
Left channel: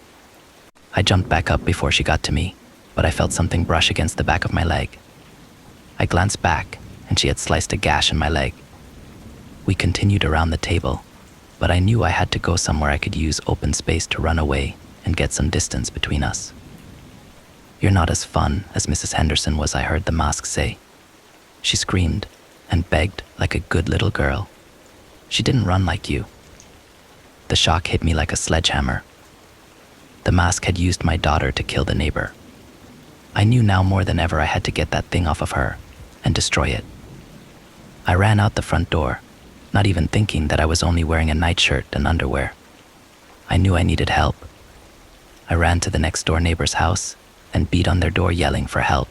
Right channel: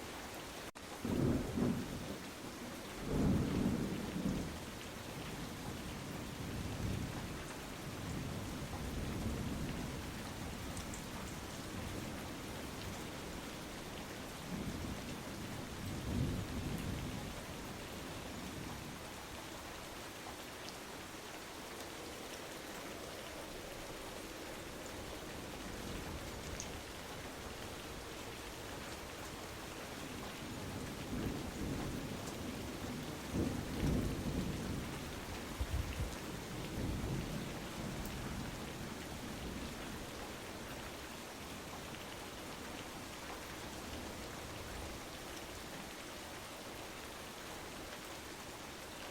I jumped back up before she got to me, but I felt something brush against the back of my leg. I glanced back, and she had sliced a gash in my leg. We continued around the table, but I knew I had to go somewhere I could use open space to run away and get some distance between us. "You're not as fun as Mrs. Henderson was," I heard the mask say. She screamed and begged like a good little girl. "She didn't run like you." The shock hit me like a sledgehammer. The mask had used my daughter to kill the neighbor. I knew now more than ever I had to get that thing off of her and destroy it. I ran out the front door, not even thinking that I was only wearing a nightshirt and underwear. I knew I needed help. I ran to the next door neighbor's house and beat on their door yelling for help.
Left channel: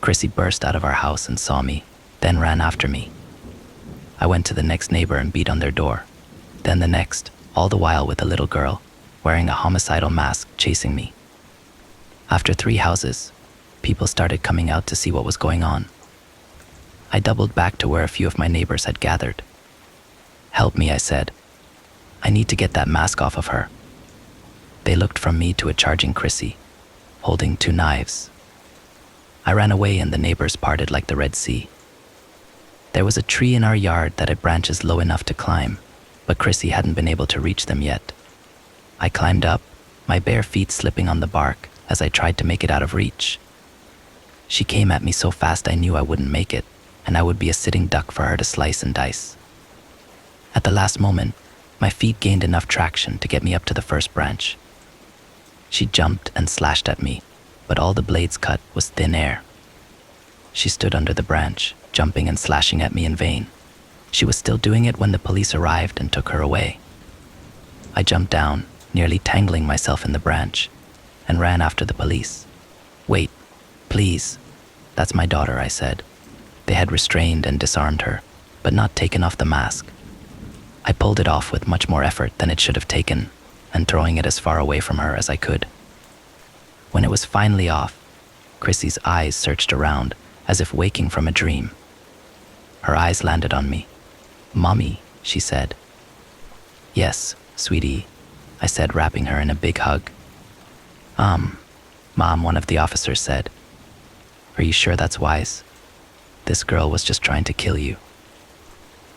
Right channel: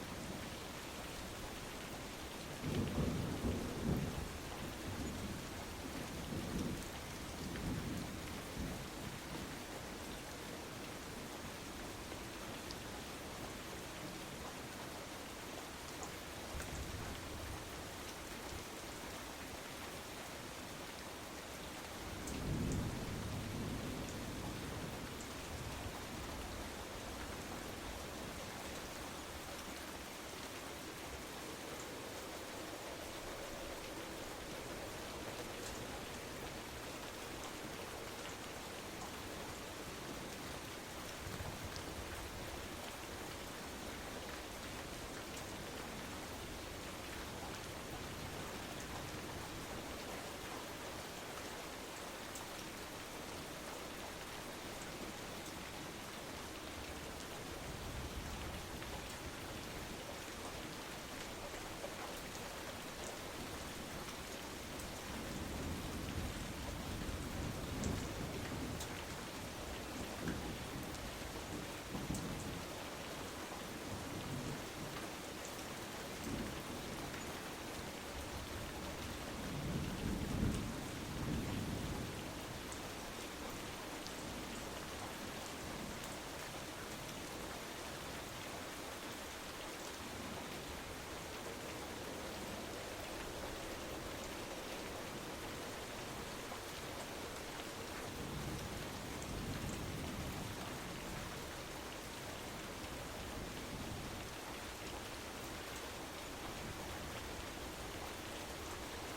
Chrissy burst out of our house and saw me, then ran after me. I went to the next neighbor and beat on their door, then the next, all the while with a little girl, wearing a homicidal mask, chasing me. After 3 houses, people started coming out to see what was going on. I doubled back to where a few of my neighbors had gathered. "Help me," I said. "I need to get that mask off of her." They looked from me to a charging Chrissy, holding 2 knives. I ran away and the neighbors parted like the Red Sea. There was a tree in our yard that had branches low enough to climb, but Chrissy hadn't been able to reach them yet. I climbed up, my bare feet slipping on the bark as I tried to make it out of reach. She came at me so fast I knew I wouldn't make it, and I would be a sitting duck for her to slice and dice. At the last moment, my feet gained enough traction to get me up to the first branch. She jumped and slashed at me, but all the blades cut was thin air. She stood under the branch, jumping and slashing at me in vain. She was still doing it when the police arrived and took her away. I jumped down, nearly tangling myself in the branch, and ran after the police. "Wait, please. That's my daughter," I said. They had restrained and disarmed her, but not taken off the mask. I pulled it off with much more effort than it should have taken, and throwing it as far away from her as I could. When it was finally off, Chrissy's eyes searched around as if waking from a dream. Her eyes landed on me. "Mommy," she said. "Yes, sweetie," I said, wrapping her in a big hug. Mom," one of the officers said. "Are you sure that's wise? This girl was just trying to kill you."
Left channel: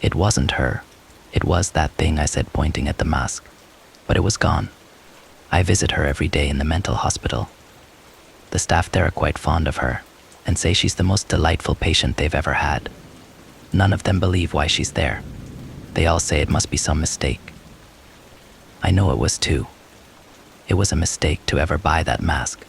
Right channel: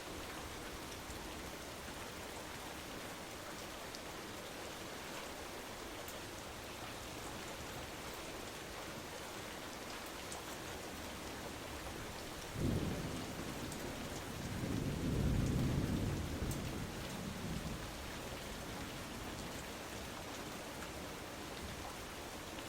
"It wasn't her. It was that thing," I said, pointing at the mask. "But it was gone. I visit her every day in the mental hospital. The staff there are quite fond of her and say she's the most delightful patient they've ever had. None of them believe why she's there. They all say it must be some mistake. I know it was too. It was a mistake to ever buy that mask.